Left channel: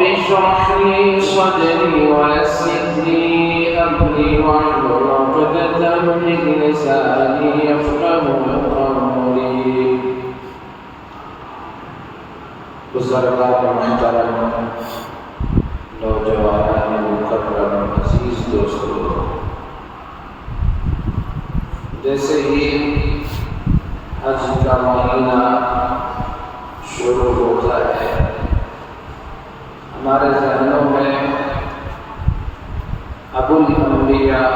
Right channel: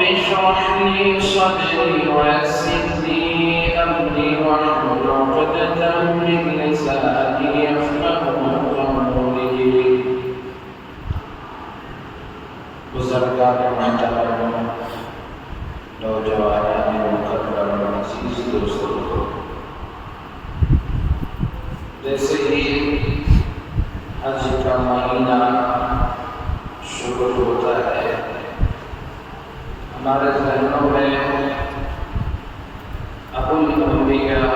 رب اشرح لي صدري ويسر لي أمري واحلل عقدة من لساني يفقهوا قولي. بزرگان محترم، نوجوانان مکرم، عزیز دوستو، جیسے ہی حج کا مہینہ شروع ہوتا ہے، ہمارے ذہنوں میں ابو الانبیاء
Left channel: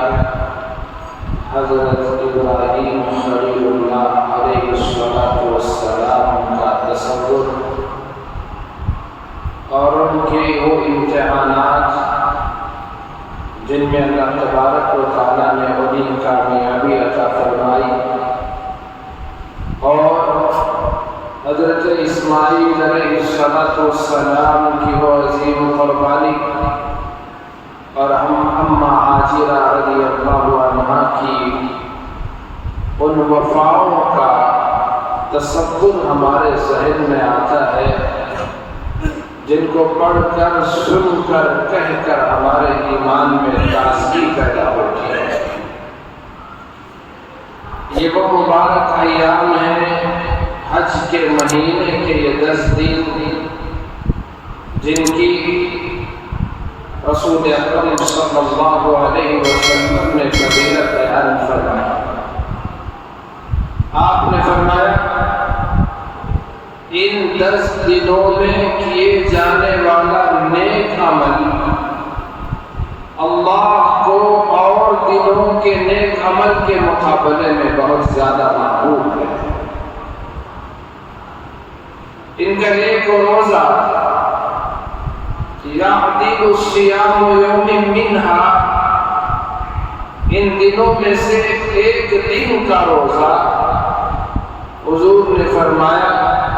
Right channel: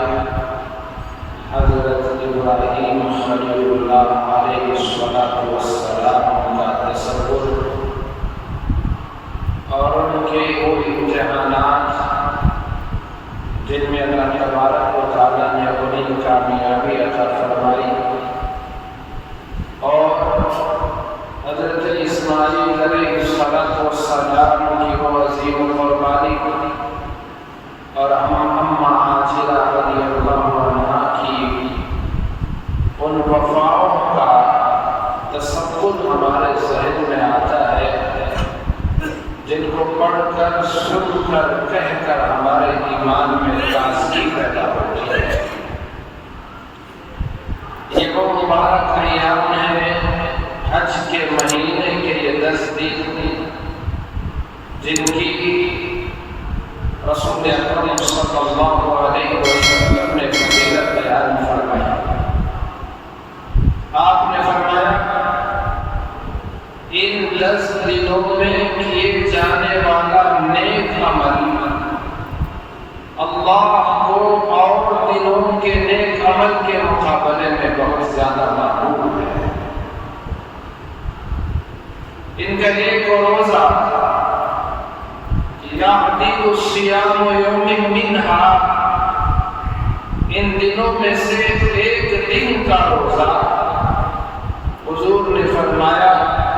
حضرت ابراہیم خلیل اللہ علیہ السلام کا تصور اور ان کے وہ امتحانات جن میں اللہ تبارک و تعالیٰ نے انہیں کامیابی عطا فرمائی، اور حضرت اسماعیل علیہ السلام کی وہ عظیم قربانی اور اماں ہاجرہ رضی اللہ عنہا کی ان وفاؤں کا تصور ہمارے ذہن میں آتا ہے، جن کو پڑھ کر، سن کر، کہہ کر ہمارے ایمان میں تازگی پیدا ہوتی ہے۔ یہ وہ مبارک ایام ہیں، حج کے مہینے کے یہ 10 دن، جن کی رسول اکرم صلی اللہ علیہ وسلم نے فضیلت بیان فرمائی۔ آپ نے فرمایا ان 10 دنوں میں کیے جانے والا نیک عمل اللہ کو اور دنوں کے نیک عمل کے مقابلے میں بہت زیادہ محبوب ہے۔ ان کا ایک روزہ یعدل الصیام یوم منہا، ان دنوں میں سے ایک دن کا روزہ حضور نے فرمایا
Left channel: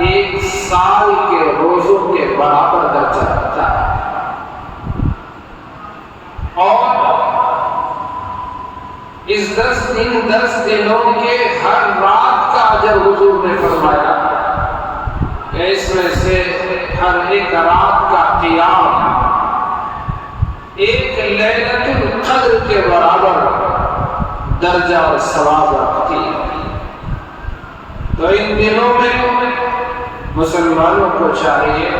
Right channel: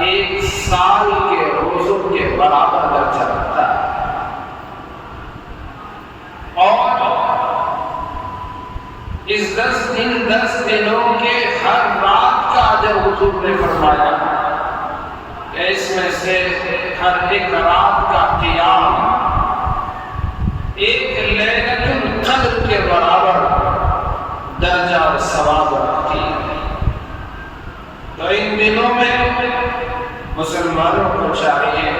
1 سال کے روزوں کے برابر درجہ رکھتا ہے۔ اور اس 10 دنوں کے ہر رات کا اجر حضور نے فرمایا کہ اس میں سے ہر ایک رات کا قیام ایک لیلۃ القدر کے برابر درجہ اور ثواب رکھتی ہے۔ تو ان دنوں میں مسلمانوں کو چاہیے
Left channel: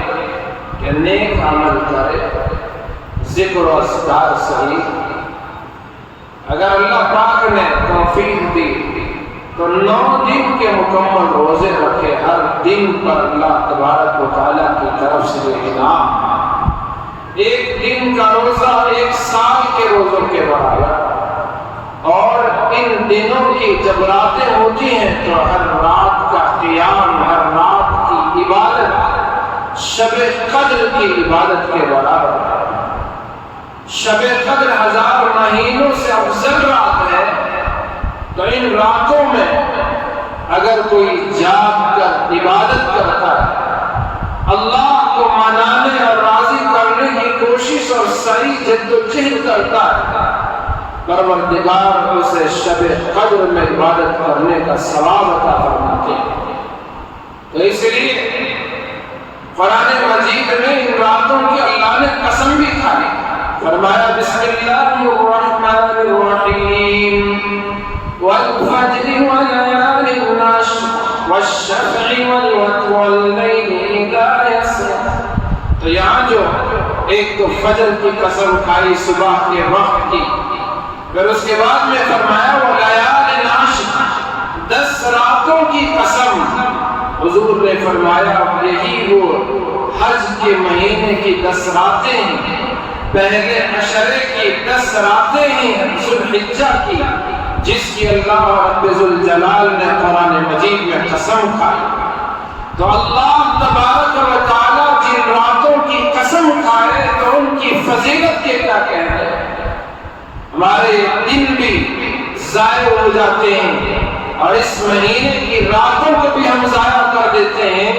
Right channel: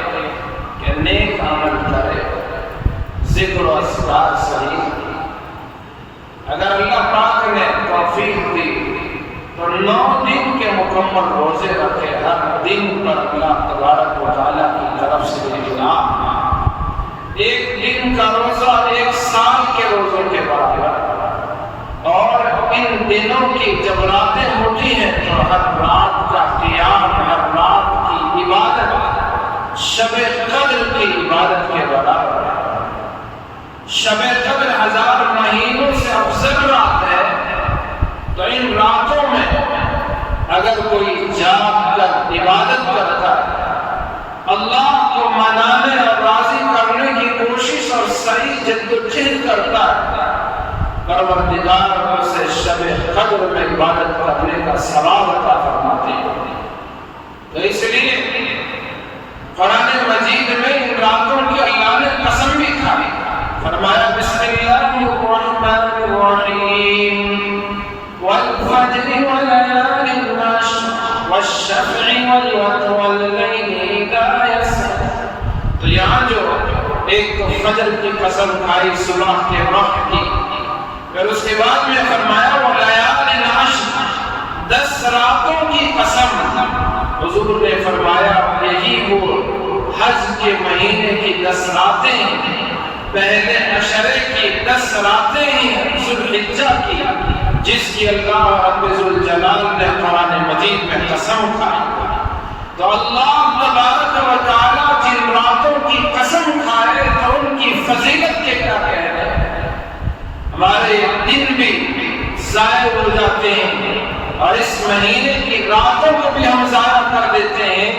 کہ نیک عمل کرے، ذکر و اذکار صحیح۔ اگر اللہ پاک نے توفیق دی تو 9 دن کے مکمل روزے رکھے، ہر دن پر اللہ تبارک و تعالیٰ کی طرف سے انعام، 1 دن کا روزہ 1 سال کے روزوں کے برابر۔ اور ان دنوں کی جب راتیں ہوتی ہیں تو ہر رات کا قیام، ہر رات کی عبادت شب قدر کی عبادت کے برابر ہے۔ شب قدر 1000 مہینوں سے افضل رات ہے، تو ان راتوں میں اگر کوئی جاگ کر عبادت کرتا ہے، اللہ کو منانے اور راضی کرنے کی کوشش اور صحیح جد و جہد کرتا ہے، پروردگار اسے شب قدر میں عبادت کرنے کا ثواب عطا فرماتے ہیں۔ تو اس لیے قرآن مجید میں ان راتوں کی اللہ نے قسم بھی کھائی، فرمایا بسم اللہ الرحمن الرحیم والفجر وليال العشر والشفع والوتر والليل إذا يسر۔ تو یہاں جو ایک تو فجر کی قسم کھائی صبح کے وقت کی، پھر اس کے بعد میں فرمایا ولیال العشر، 10 راتوں کی قسم۔ حضور نے فرمایا یہی وہ حج کے مہینے کی 10 راتیں ہیں، پہلے عشرے کی 10 راتیں ہیں ذو الحجہ کی، جس کی اللہ رب ذوالجلال نے قرآن مجید میں قسم کھائی۔ تو اللہ تبارک و تعالیٰ جن راتوں کی قسم کھائے تو ان کی فضیلت کے کیا کہنے، ہمارے دن بھی ضائع ہو جاتے ہیں اور اس مہینے کی راتوں کو بھی ہم ضائع کر دیتے ہیں،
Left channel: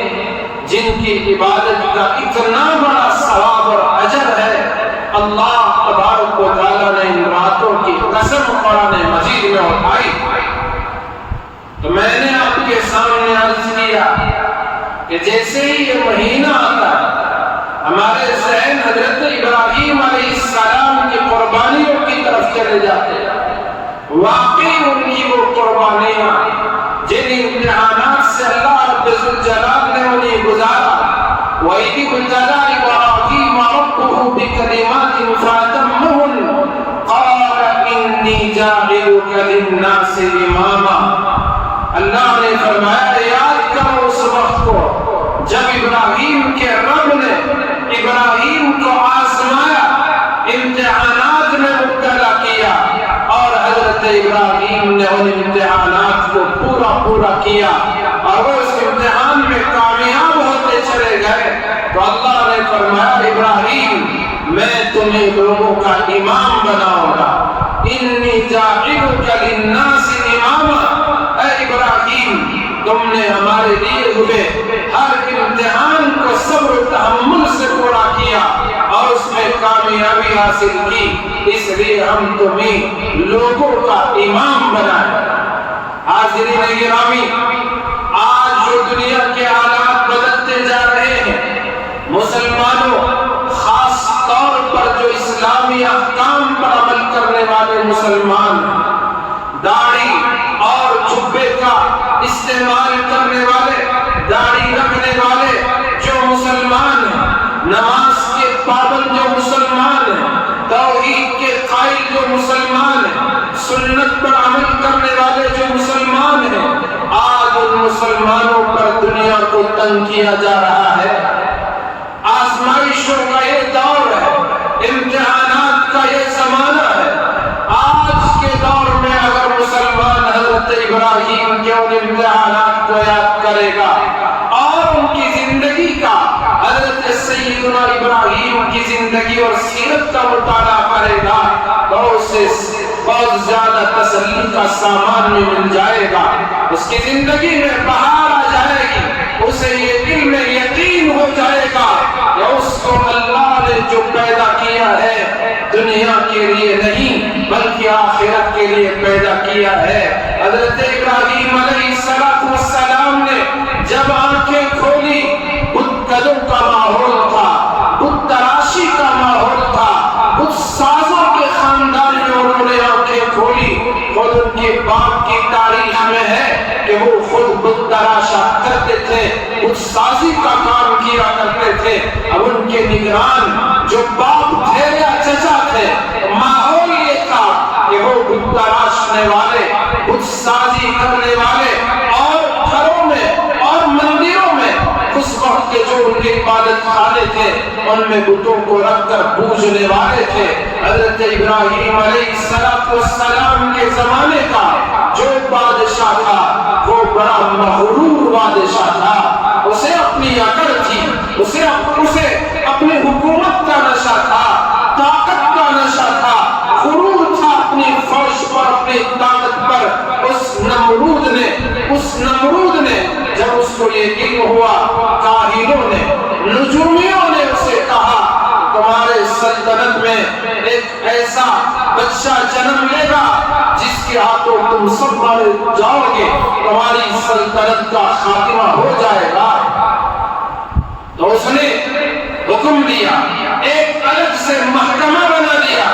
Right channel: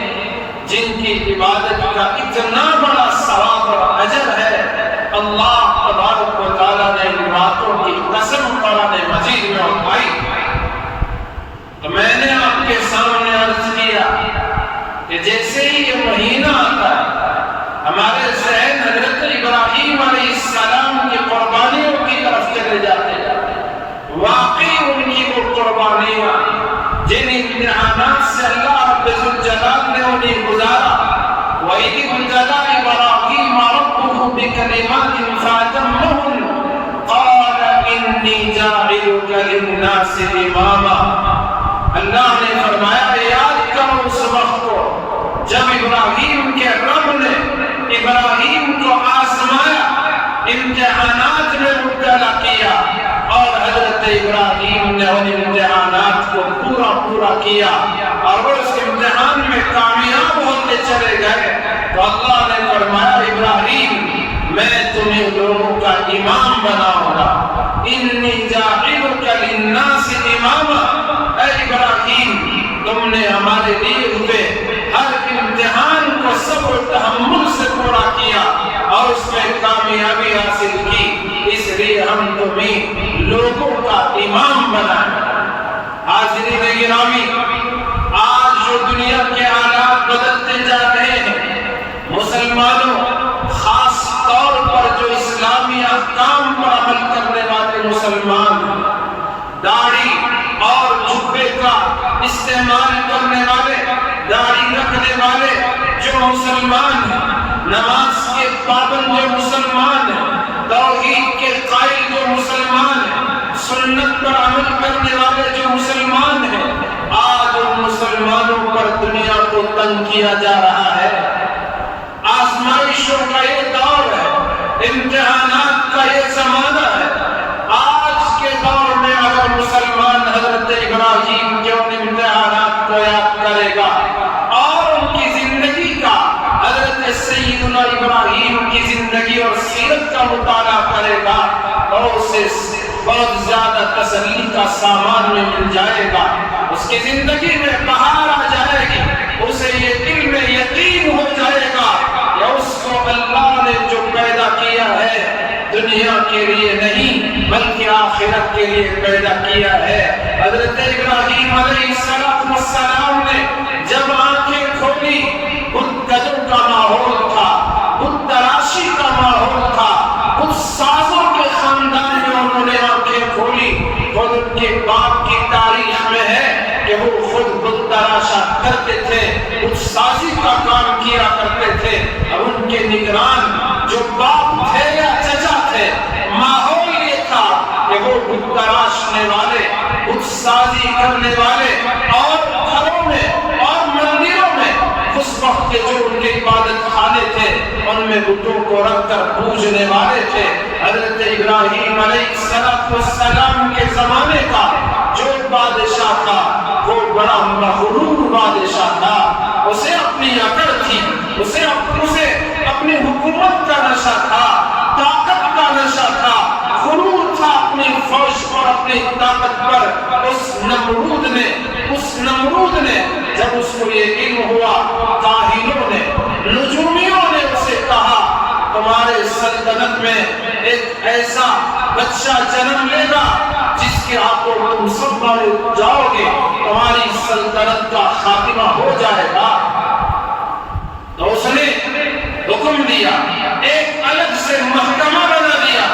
جن کی عبادت کا اتنا بڑا ثواب اور اجر ہے۔ اللہ تبارک و تعالیٰ نے ان راتوں کی قسم قرآن مجید میں اٹھائی۔ تو میں نے آپ کے سامنے عرض کیا کہ جیسے ہی یہ مہینہ آتا ہے ہمارے ذہن قربانیاں، جن امتحانات سے اللہ رب الجلال نے انہیں گزارا. وَإِذِ ابْتَلَىٰ إِبْرَاهِيمَ رَبُّهُ بِكَلِمَاتٍ فَأَتَمَّهُنَّ قَالَ إِنِّي جَاعِلُكَ لِلنَّاسِ إِمَامًا. اللہ نے فرمایا یاد کرو اس وقت کو جب ابراہیم کے رب نے ابراہیم کو آزمایا، امتحانات میں مبتلا کیا، اور حضرت ابراہیم نے ان امتحانات کو پورا کیا اور وہ اس امتحان میں کامیاب ہوتے چلے گئے. تو اللہ نے فرمایا ابراہیم میں تمہیں لوگوں کا امام بناؤں گا. انی جاعلک للناس اماما. اے ابراہیم تم نے ہمارے لیے ہوئے ہر امتحان کو صبر و تحمل سے پورا کیا اور اس میں کامیابی حاصل کی، اس لیے ہم تمہیں لوگوں کا امام بنائیں. حاضرین گرامی، آج جو دنیا کے حالات بدلتے جا رہے ہیں، مسلمانوں خاص طور پر جو اسلامی احکام پر عمل کرنے والے مسلمان، داڑھی اور جبے کا استعمال کرنے والے، داڑھی رکھنے والے جو مسلمان ہیں، نماز کے پابند جو مسلمان ہیں، توحید کے قائل جو مسلمان ہیں، سنت پر عمل کرنے والے جو مسلمان ہیں، آج ان مسلمانوں پر دنیا کو تنگ کیا جا رہا ہے. آزمائشوں کا یہ دور ہے، امتحانات کا یہ زمانہ ہے. آج کے دور میں اگر مسلمان حضرت ابراہیم کے ان امتحانات کو یاد کرے گا اور ان کی زندگی کا، حضرت سیدنا ابراہیم کی زندگی اور سیرت کا مطالعہ کرے گا تو اسے بہت زیادہ تسلی کا سامان میں مل جائے گا. اس کی زندگی میں بہار آ جائے گی، اسے یہ دل میں یقین ہو جائے گا کہ اس کو اللہ نے جو پیدا کیا ہے دنیا کے لیے نہیں بلکہ آخرت کے لیے پیدا کیا ہے. حضرت ابراہیم علیہ السلام نے جب آنکھیں کھولی، بت قدوں کا ماحول تھا، بت تراشی کا ماحول تھا، بت سازوں کے خاندان میں انہوں نے آنکھیں کھولی. خود ان کے باپ کی تاریخ میں ہے کہ وہ خود بت تراشا کرتے تھے، بت سازی کا کام کیا کرتے تھے. اب ان کے نگران جو باپ تھے یا چچا تھے، ماحول یہ تھا کہ وہ بت تراشنے والے، بت سازی کرنے والے، اور گھروں میں اور مندروں میں اس وقت کے جو ان کے عبادت خانے تھے ان میں بتوں کو رکھ کر پوجنے والے تھے. حضرت ابراہیم علیہ السلام کے زمانے کا جو بادشاہ تھا وہ بڑا مغرور بادشاہ تھا. اسے اپنی عقل تھی، اسے اپنی حکومت کا نشہ تھا، طاقت کا نشہ تھا، غرور تھا اپنی فوج پر، اپنی طاقت پر. اس نمرود نے جب اس کو یہ علم ہوا، کاہنوں نے، نجومیوں نے اسے کہا تمہارے سلطنت میں ایک ایسا بچہ جنم لے گا جس کے ہاتھوں تم سب مارے جاؤ گے، تمہاری سلطنت کا خاتمہ ہو جائے گا. تو اس نے حکم دیا، ایک الگ سے محکمہ بنا دیا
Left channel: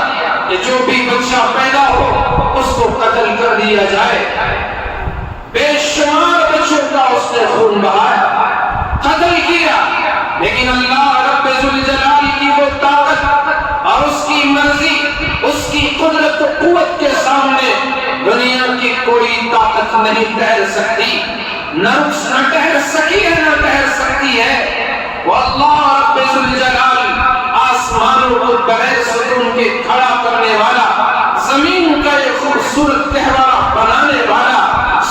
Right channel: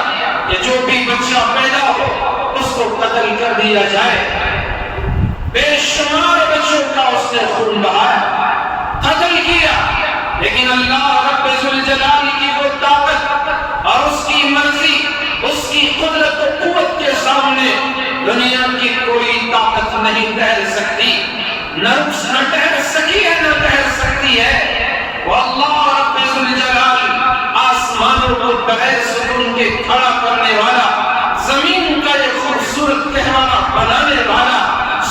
کہ جو بھی بچہ پیدا ہو اس کو قتل کر دیا جائے. بے شمار بچوں کا اس نے خون بہایا، قتل کیا. لیکن اللہ رب ذوالجلال کی وہ طاقت اور اس کی مرضی، اس کی قدرت و قوت کے سامنے دنیا کی کوئی طاقت نہیں ٹھہر سکتی، نہ ٹھہر سکی ہے نہ ٹھہر سکتی ہے. وہ اللہ رب ذوالجلال آسمانوں کو بغیر ستون کے کھڑا کرنے والا، زمین کا ایک خوبصورت گہوارہ بنانے والا،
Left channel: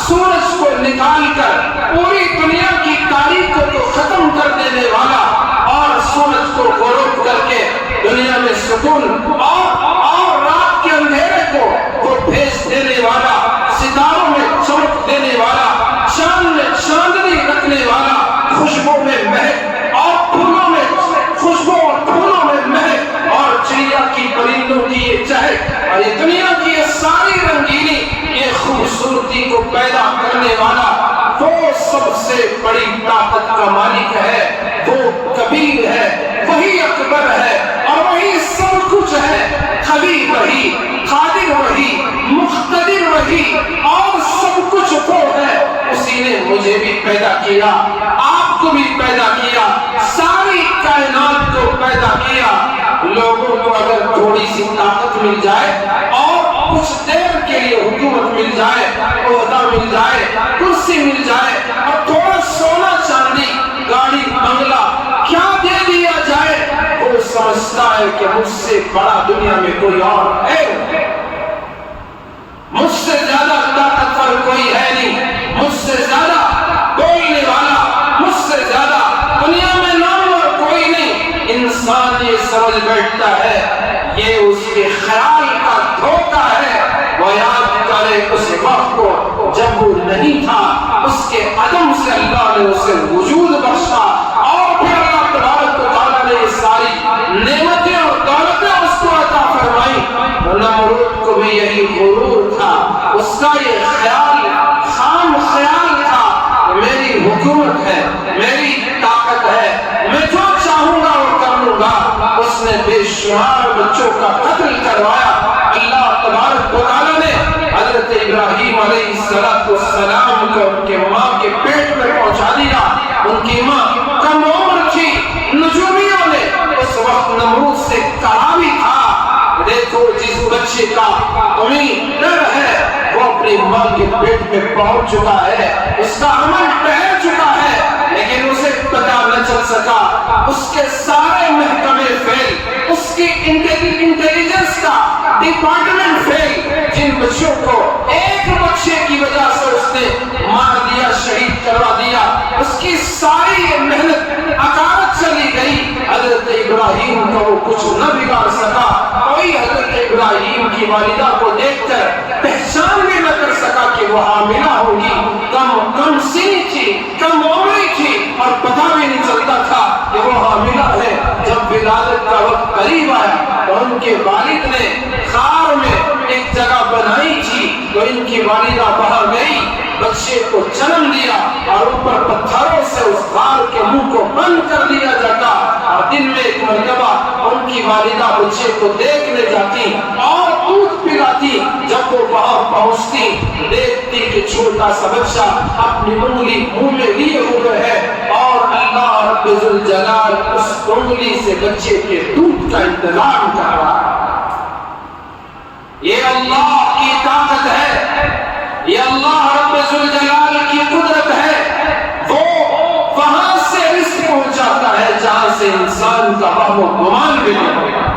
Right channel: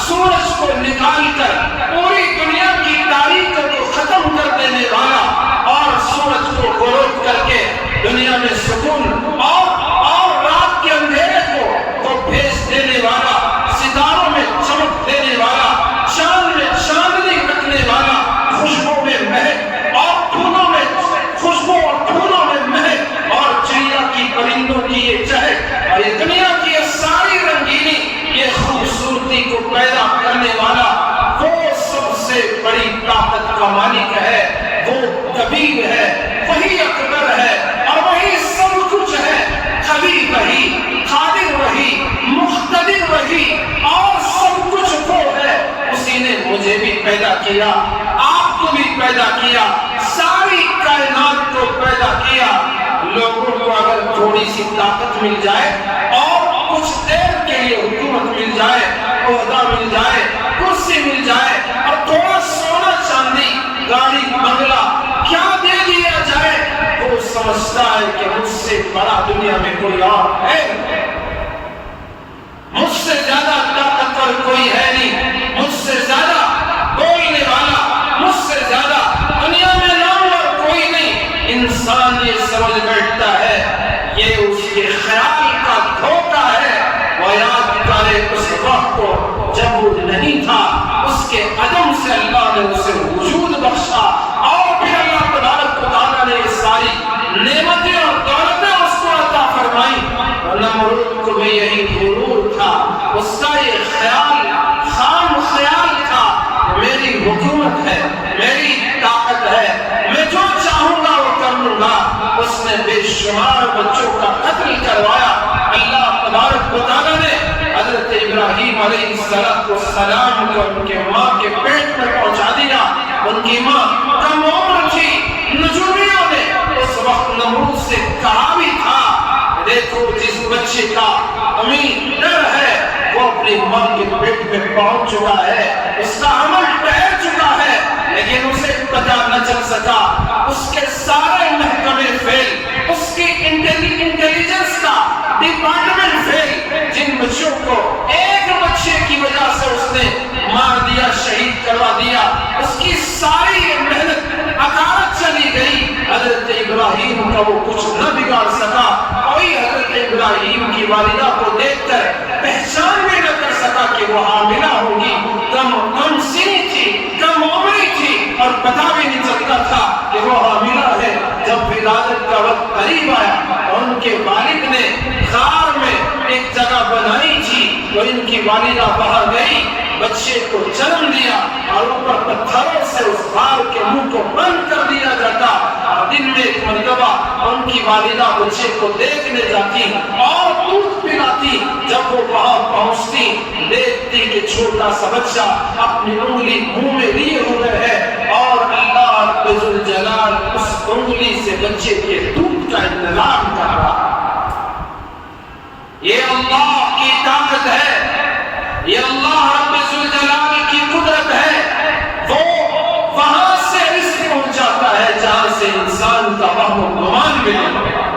سورج کو نکال کر پوری دنیا کی تاریخ کو ختم کر دینے والا اور سورج کو غروب کر کے دنیا میں سکون اور رات کے اندھیرے کو وہ بھیج دینے والا، ستاروں میں چمک دینے والا، چاند میں چاندنی رکھنے والا، خوشبو میں مہک اور پھولوں میں خوشبو اور پھولوں میں مہک اور چڑیا کی پرندوں کی یہ چہک اور یہ دنیا کی یہ ساری رنگینی، یہ خوبصورتی کو پیدا کرنے والا وہ سب سے بڑی طاقت کا مالک ہے. وہ کبیر ہے، وہی اکبر ہے اور وہی سب کچھ ہے. قوی وہی، قادر وہی، مقتدر وہی اور سب نے مجھے بھی پیدا کیا، آپ کو بھی پیدا کیا، ساری کائنات کو پیدا کیا۔ لوگوں کو اگر تھوڑی سی طاقت مل جائے اور کچھ دیر کے لیے حکومت مل جائے، عہدہ مل جائے، کرسی مل جائے اور تھوڑا سونا چاندی، گاڑی بنگلہ کیا دے دیا جائے، وہ سمجھتا ہے کہ مجھ سے بڑا دنیا میں کوئی اور ہے، مجھ سے زیادہ طاقتور کوئی ہے نہیں، مجھ سے زیادہ بولنے والا، مجھ سے زیادہ دنیا میں نامور کوئی نہیں۔ انسان یہ سمجھ بیٹھتا ہے یہ اس کے خیال کا دھوکہ ہے۔ وہ یاد کرے اس وقت کو جب وہ نہیں تھا، اس کے عدم سے اللہ نے اسے وجود بخشا، اور پھر اللہ تبارک و تعالیٰ نے یہ ساری نعمتیں اور دولتیں اس کو عطا فرمائی۔ نمرود کو بھی یہی غرور تھا، اس کا یہ خیال خام خیال تھا کہ میری حکومت ہے، میری طاقت ہے، میں جو چاہوں گا وہ کر لوں گا۔ اس نے بے شمار بچوں کا قتل کروایا۔ اللہ تبارک و تعالیٰ نے حضرت ابراہیم علیہ السلام کو ان کے ماں کے پیٹ میں پہنچا دیا۔ ان کی ماں کم عمر تھی۔ نجومیوں نے اس وقت نمرود سے کہا بھی تھا، دیکھو جس بچے کا تمہیں ڈر ہے وہ اپنی ماں کے پیٹ میں پہنچ چکا ہے، اس کا عمل ٹھہر چکا ہے، لیکن اسے پتا نہ چل سکا۔ اس کے سارے محکمے فیل، اس کی انٹیلیجنس کا ڈپارٹمنٹ فیل۔ جن بچوں کو ایک بچے کی وجہ سے اس نے مار دیا، شہید کروا دیا، اس کی ساری محنت اکارت چلی گئی۔ حضرت ابراہیم کا وہ کچھ نہ بگاڑ سکا۔ کوئی حضرت ابراہیم کی والدہ کو دیکھ کر پہچان بھی نہ کر سکا کہ وہ حاملہ ہوگی۔ کم سنی تھی، کم عمری تھی، اور پتہ بھی نہیں چلتا تھا کہ وہ حاملہ ہے۔ جب ولادت کا وقت قریب آیا تو ان کے والد نے غار میں ایک جگہ بنائی تھی، تو ان کی والدہ باہر گئی، بچے کو جنم دیا، اور اوپر پتھروں سے اس غار کے منہ کو بند کر دیا جاتا۔ اور دن میں ایک مرتبہ ان کی والدہ بچے کو دیکھنے جاتی اور دودھ پلاتی۔ جب وہ وہاں پہنچتی دیکھتی کہ چھوٹا سا بچہ اپنی انگلی منہ میں لیے ہوئے ہے، اور اللہ رب ذوالجلال اس انگلی سے بچے کے دودھ کا انتظام کر رہا۔ یہ اللہ کی طاقت ہے، یہ اللہ رب ذوالجلال کی قدرت ہے۔ وہ وہاں سے رزق پہنچاتا ہے جہاں سے انسان کا وہم و گمان بھی نہیں ہوگا۔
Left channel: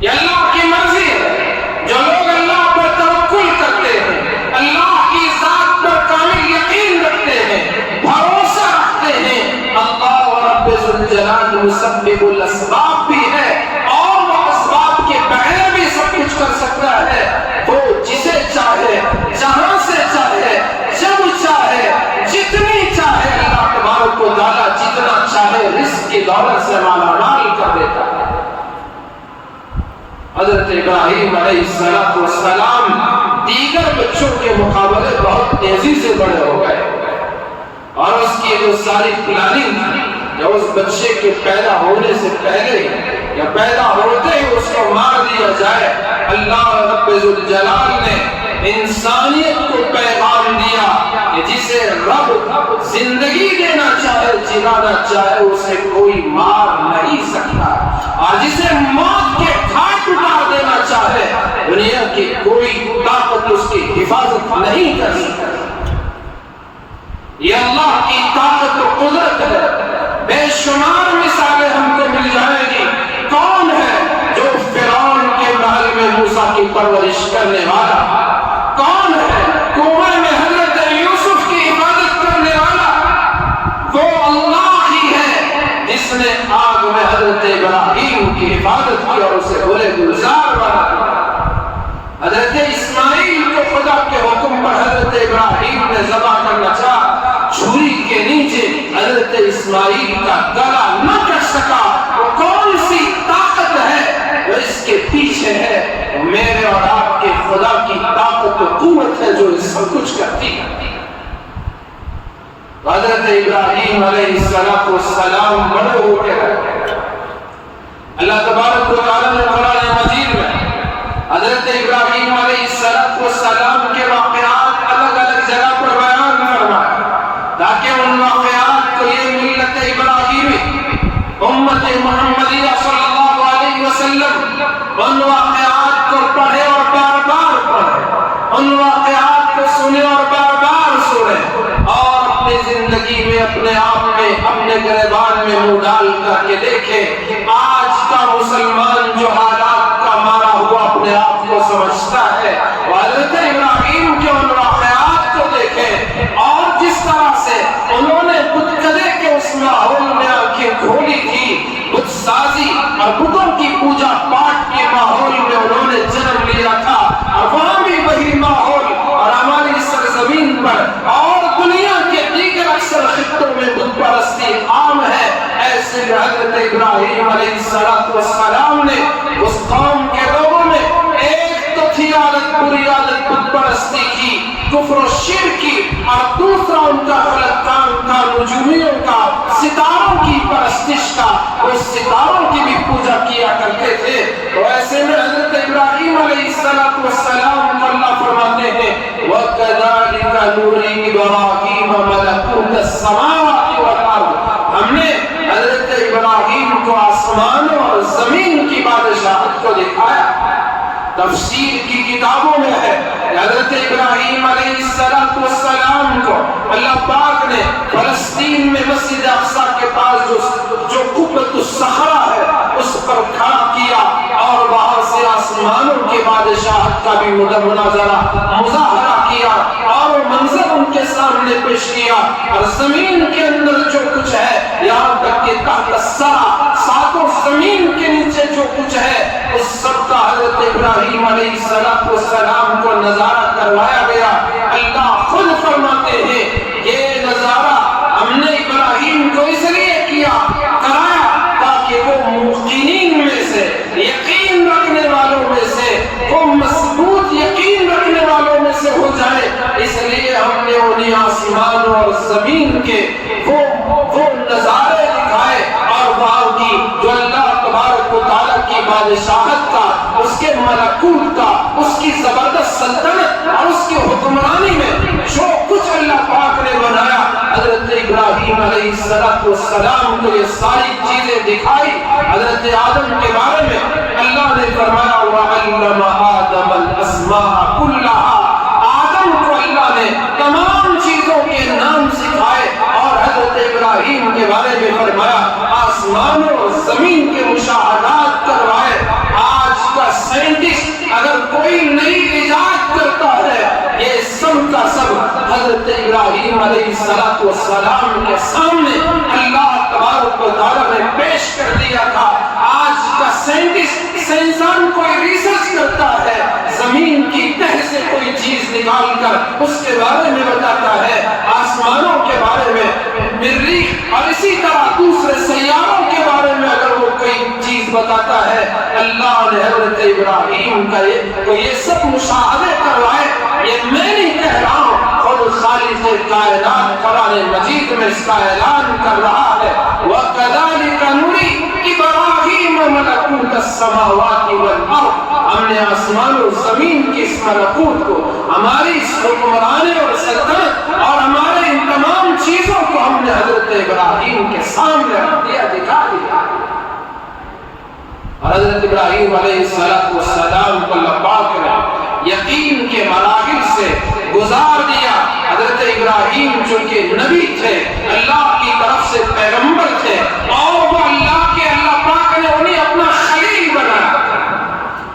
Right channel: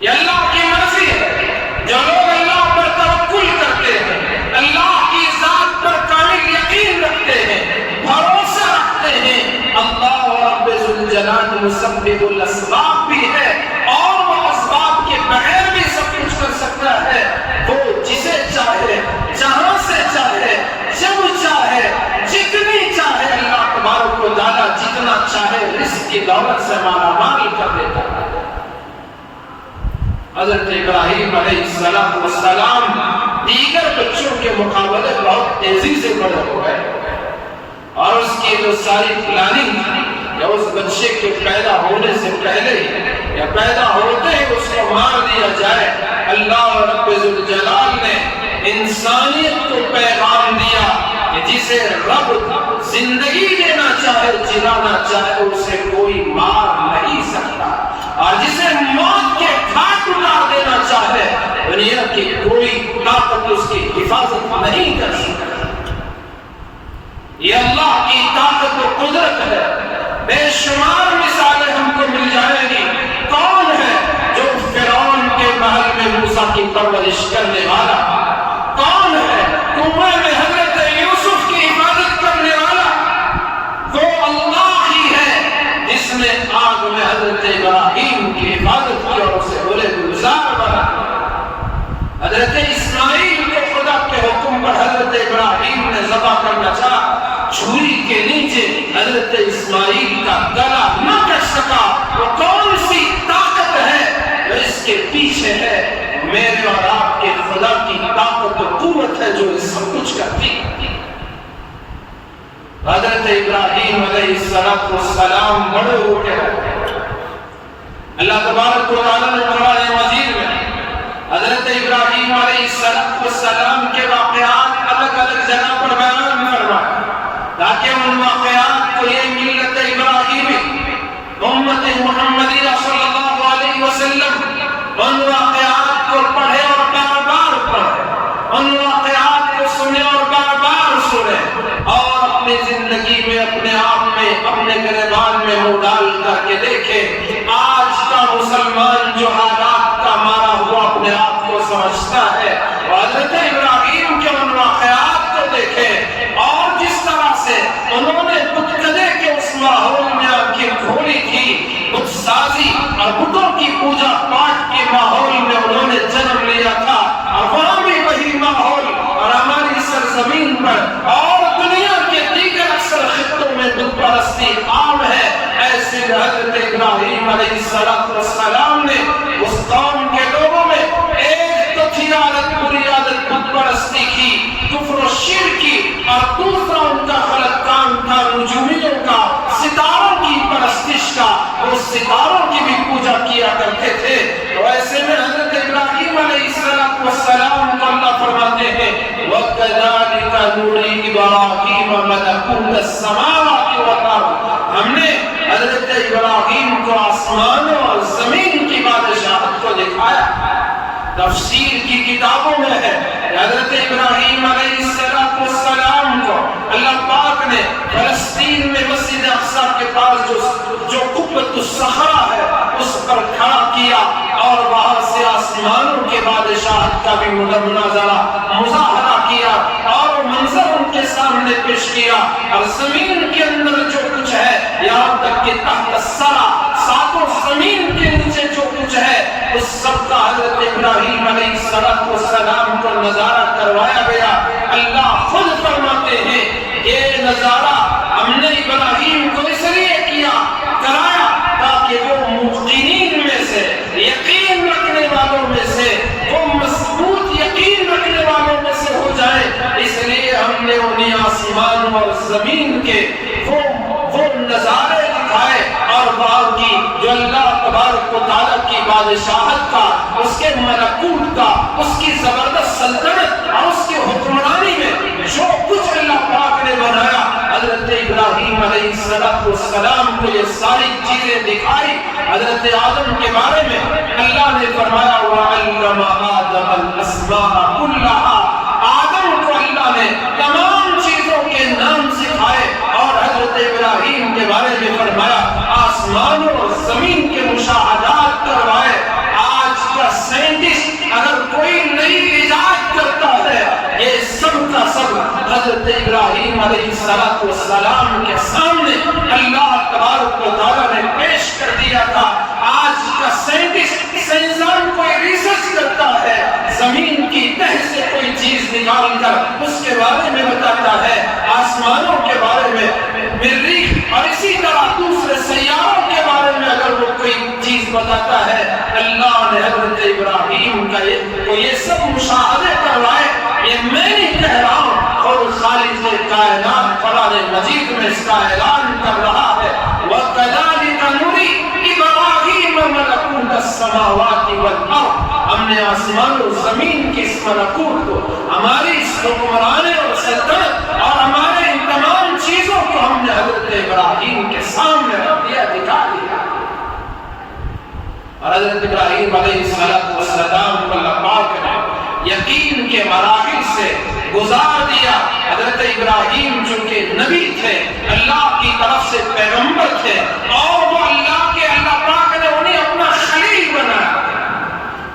یہ اللہ کی مرضی ہے۔ جو لوگ اللہ پر توکل کرتے ہیں، اللہ کی ذات پر کامل یقین رکھتے ہیں، بھروسہ رکھتے ہیں، اللہ رب ذوالجلال مسبب الاسباب بھی ہے، اور وہ اسباب کے بغیر بھی سب کچھ کر سکتا ہے۔ وہ جسے چاہے، جہاں سے چاہے، جب چاہے، جتنی چاہے، اللہ تبارک و تعالیٰ جتنا چاہے رزق کی دولت سے مالا مال کر دیتا ہے۔ حضرت ابراہیم علیہ السلام دیگر بچوں کے مقابلے بہت تیزی سے بڑے ہو گئے، اور اس کی جو ساری پلاننگ تھی کہ اس بچے کے پیدا ہونے سے پہلے یا پیدا ہوتے ہی اس کو مار دیا جائے، اللہ رب ذوالجلال نے انسانیت کو پیغام دیا کہ جسے رب زندگی دینا چاہے، جلانا چاہے، اسے کوئی مار نہیں سکتا، اور جسے موت کے گھاٹ اتار دینا چاہے، دنیا کی کوئی طاقت اس کی حفاظت نہیں کر سکتی۔ یہ اللہ کی طاقت و قدرت ہے۔ بے شمار مثالیں ہم کو مل جائیں گی۔ کون ہے جو فرعون کے محل میں موسیٰ کی پرورش کرنے والا؟ کون ہے کنویں میں حضرت یوسف کی حفاظت کرنے والا؟ وہ اللہ ہی ہے جس نے آگ میں حضرت ابراہیم کی حفاظت کی اور اسے بولے گلزار بنا۔ حضرت اسماعیل کو خدا کے حکم پر حضرت ابراہیم نے ذبح کرنا چاہا، چھری کے نیچے حضرت اسماعیل کا گلا نہ کٹ سکا۔ وہ کون سی طاقت ہے جو اس کے پیچھے ہے؟ میرے اور آپ کے خدا کی طاقت و قوت ہے جو اس سب کچھ کرتی ہے۔ حضرت ابراہیم علیہ السلام بڑے ہو کے اللہ تبارک و تعالیٰ نے قرآن مجید میں حضرت ابراہیم علیہ السلام کے واقعات الگ الگ جگہ پر یہ اپنے آپ میں اپنے گریبان میں منہ ڈال کر کے دیکھے، آج کا مسلمان جو حالات کا مارا ہوا اپنے آپ کو سمجھتا ہے، حضرت ابراہیم کے ان واقعات کو دیکھے اور جس طرح سے انہوں نے بت کدے کے اس ماحول میں آنکھیں کھولی تھی، بت سازی اور بتوں کی پوجا پاٹ کے ماحول میں انہوں نے جنم لیا تھا، اور وہاں بھی وہی ماحول اور ہماری سرزمین پر اور دنیا کے دیگر اکثر خطوں میں بت پرستی عام ہے۔ ایسے حضرت ابراہیم علیہ السلام نے اس قوم کے لوگوں میں ایک تو تھی عادت، بری عادت بت پرستی کی، کفر و شرک کی، اور دوسرا ان کا غلط کام تھا نجومیوں کا، ستاروں کی پرستش کا، وہ ستاروں کی بھی پوجا کیا کرتے تھے۔ تو ایسے میں حضرت ابراہیم علیہ السلام کو اللہ فرماتے ہیں وَكَذَلِكَ نُرِي إِبْرَاهِيمَ مَلَكُوتَ السَّمَاوَاتِ وَالْأَرْضِ، ہم نے حضرت ابراہیم کو آسمانوں اور زمین کی بادشاہت کو دکھایا۔ تفسیر کی کتابوں میں ہے حضرت ابراہیم علیہ السلام کو اللہ پاک نے فلسطین میں مسجد اقصی کے پاس جو قبۃ الصخرہ ہے اس پر کھڑا کیا، اور وہاں سے آسمانوں کے بادشاہت کا بھی مظاہرہ کیا، اور منظر ان کے سامنے پیش کیا، اور زمین کے اندر جو کچھ ہے، یہاں تک کہ تحت الثری، ساتوں زمین کے نیچے جو کچھ ہے، اس سب کا حضرت ابراہیم علیہ السلام کو نظارہ کروایا گیا۔ اللہ خود فرماتے ہیں یہ نظارہ ہم نے ابراہیم کو اس لیے کرایا تاکہ وہ موقنین میں سے، یقین رکھنے والوں میں سے، وہ مضبوط یقین رکھنے والوں میں سے ہو جائے۔ اس لیے ہم نے انہیں آسمان اور زمین کے وہ نظارے دکھائے، اور وہاں کی جو اللہ تبارک و تعالیٰ کی بادشاہت کا، اس کے ملکوت کا، اس کی زبردست سلطنت اور اس کی حکمرانی میں جو کچھ اللہ پاک نے بنایا، حضرت ابراہیم علیہ السلام کو یہ ساری چیزیں دکھائی۔ حضرت آدم کے بارے میں اللہ نے فرمایا وَعَلَّمَ آدَمَ الْأَسْمَاءَ كُلَّهَا، آدم کو اللہ نے تمام چیزوں کے نام سکھائے، اور حضرت ابراہیم کے بارے میں فرمایا آسمانوں اور زمین کے مشاہدات کروائے۔ آج کا سائنٹسٹ اگر کوئی نئی ایجاد کرتا ہے، یہ سب کا سب حضرت ابراہیم علیہ السلام کے سامنے اللہ تبارک و تعالیٰ نے پیش کر دیا تھا۔ آج کا سائنٹسٹ، سائنسدان کوئی ریسرچ کرتا ہے، زمین کی تہ سے کوئی چیز نکال کر اس کے بارے میں بتاتا ہے، آسمانوں کے بارے میں، مریخ اور اسی طرح دوسرے سیاروں کے بارے میں اگر وہ کوئی چیز بتاتا ہے، اللہ نے حضرت ابراہیم کا یہ سب مشاہدے کروائے۔ یہ میں نہیں کہہ رہا ہوں، خود خالق کائنات قرآن مجید میں اس کا اعلان کر رہا ہے وَكَذَلِكَ نُرِي إِبْرَاهِيمَ مَلَكُوتَ السَّمَاوَاتِ وَالْأَرْضِ، ہم نے آسمان و زمین کی اس ملکوت کو، ہماری اس حکمرانی اور سلطنت اور ہمارے ان تمام چیزوں کو ہم نے حضرت ابراہیم کے سامنے رکھ دیا، دکھا دیا۔ اور حضرت ابراہیم علیہ السلام کو اللہ پاک نے یقین کے مراحل سے گزار دیا۔ حضرت ابراہیم چونکہ نبی تھے، اللہ کی طرف سے پیغمبر تھے، اور وہ اللہ پاک نے انہیں اپنا خلیل بنایا۔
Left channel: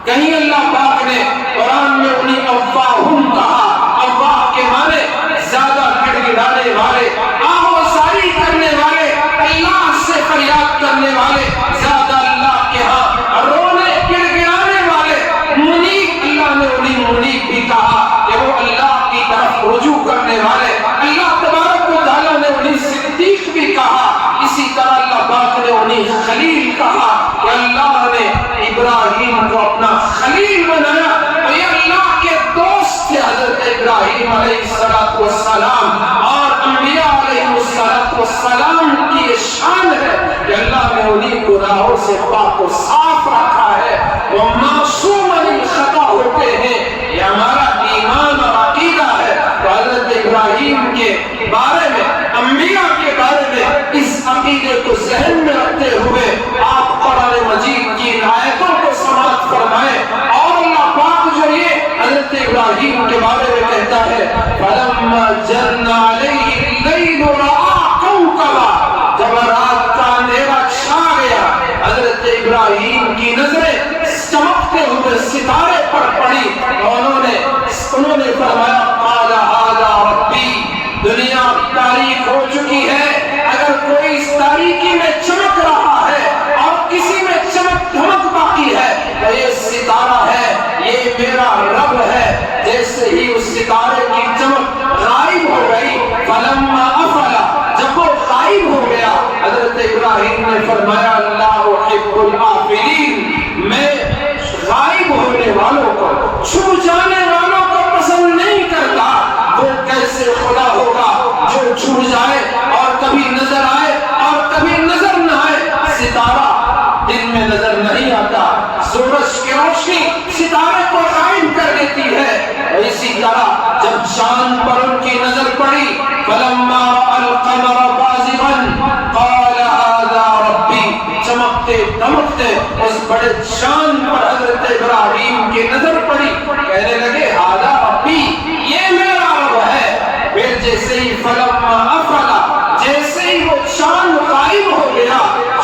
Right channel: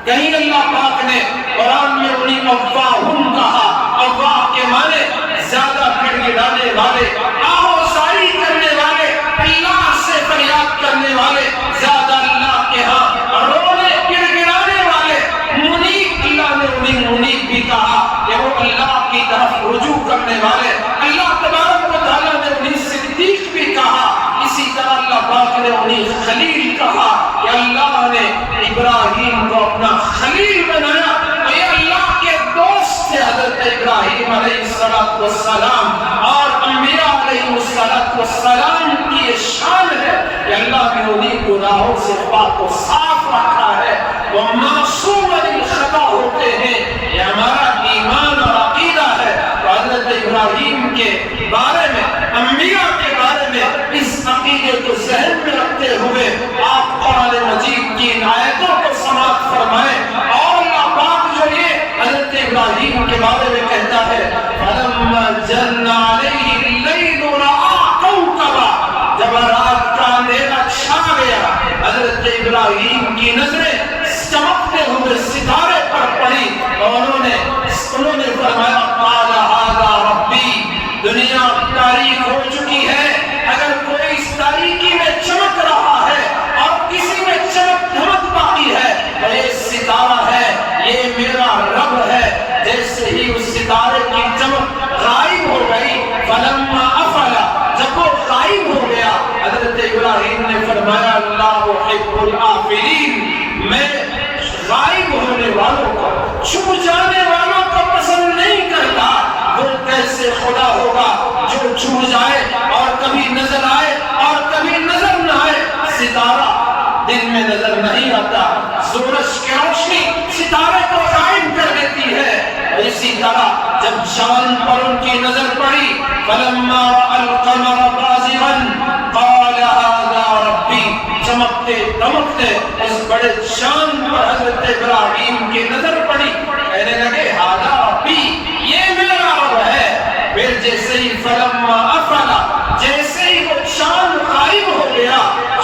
کہیں اللہ پاک نے قرآن میں انہیں اوّاہم کہا، اوّاہ کے معنی زیادہ گڑ گڑانے والے، آہوازاری کرنے والے، اللہ سے فریاد کرنے والے، زیادہ اللہ کے ہاں رونے گڑ گڑانے والے، منیب، اللہ نے انہیں منیب بھی کہا کہ وہ اللہ کی طرف رجوع کرنے والے، اللہ تبارک و تعالیٰ نے انہیں صدیق بھی کہا، اسی طرح اللہ پاک نے انہیں خلیل کہا کہ اللہ نے ابراہیم کو اپنا خلیل بنایا۔ تو یہ اللہ کے دوست تھے حضرت ابراہیم علیہ السلام، اور انبیاء علیہ السلام کی یہ شان ہے کہ اللہ نے انہیں گناہوں سے پاک و صاف رکھا ہے، وہ معصوم عن الخطا ہوتے ہیں۔ یہ ہمارا ایمان اور عقیدہ ہے۔ تو حضرت ابراہیم کے بارے میں، انبیاء کے بارے میں اس عقیدے کو ذہن میں رکھتے ہوئے آپ قرآن مجید کی ان آیتوں کو سماعت فرمائیں، اور اللہ پاک جو یہ حضرت ابراہیم کے بارے میں کہتا ہے فَلَمَّا جَنَّ عَلَيْهِ اللَّيْلُ رَأَىٰ ستارہ دن میں نظر نہیں آتا، سورج کی روشنی ستارے کو قائم کر دیتی ہے۔ اسی طرح جب چاند پر ان کی نظر پڑی، فلما القمر بازغا قال هذا ربی، چمکتے دمکتے اس بڑے چاند پر حضرت ابراہیم کی نظر پڑی، کہنے لگے هذا ربی، یہ میرا رب ہے۔ پھر جیسے ہی فلما افلا، جیسے ہی وہ چاند غائب ہو گیا،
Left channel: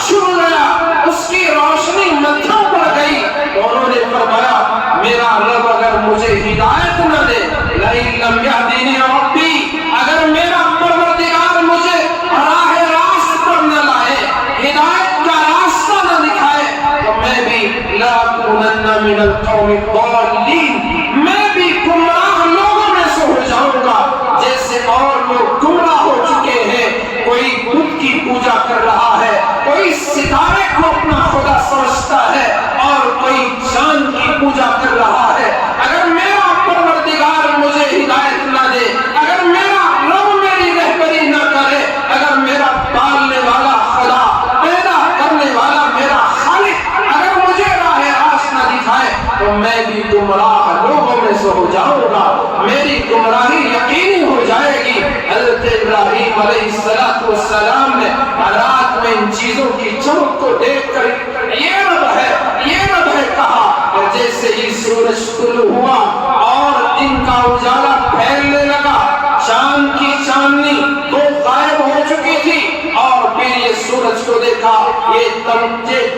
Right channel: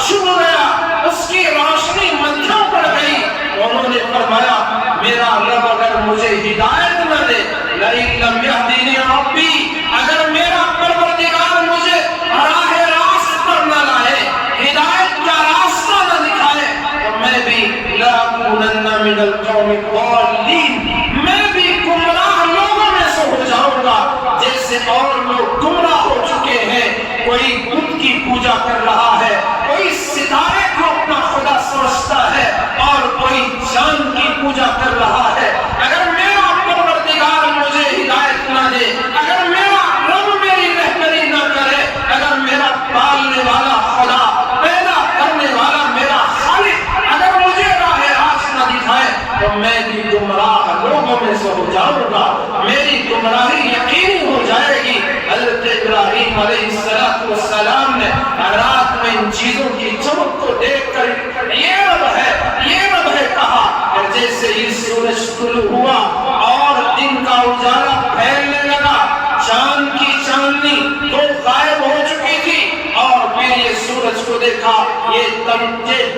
چھپ گیا، اس کی روشنی مدھم پڑ گئی، انہوں نے فرمایا میرا رب اگر مجھے ہدایت نہ دے، لئن لم یہدینی ربی، اگر میرا پروردگار مجھے راہ راست پر نہ لائے، ہدایت کا راستہ نہ دکھائے، تو میں بھی لأکونن من القوم الضالین، میں بھی گمراہ لوگوں میں سے ہو جاؤں گا، جیسے اور لوگ گمراہ ہو چکے ہیں۔ کوئی بت کی پوجا کر رہا ہے، کوئی ستارے کو اپنا خدا سمجھتا ہے، اور کوئی چاند کی پوجا کر رہا ہے۔ اگر میرا پروردگار مجھے ہدایت نہ دے، اگر میرا رب میری رہبری نہ کرے، اگر میرا پالنے والا خدا، پیدا کرنے والا میرا خالق اگر مجھے راہ راست نہ دکھائے، تو میں بھی گمراہ لوگوں میں سے ہو جاؤں گا، میری گمراہی یقینی ہو جائے گی۔ حضرت ابراہیم علیہ السلام نے رات میں ان چیزوں کی چمک کو دیکھ کر یہ رب ہے کہا، اور جیسے ہی سورج طلوع ہوا اور دن کا اجالا پھیلنے لگا، چاند کی چاندنی وہ غائب ہو چکی تھی، اور پھر یہ سورج کو دیکھا، یہ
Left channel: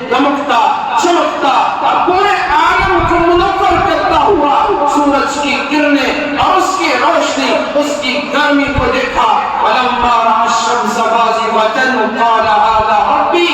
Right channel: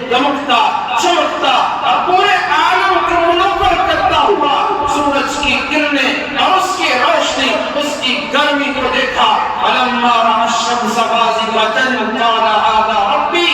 دمکتا چمکتا اور پورے عالم کو منور کرتا ہوا سورج کی کرنیں اور اس کی روشنی، اس کی گرمی کو دیکھا۔ فلما رأى الشمس بازغة قال هذا ربي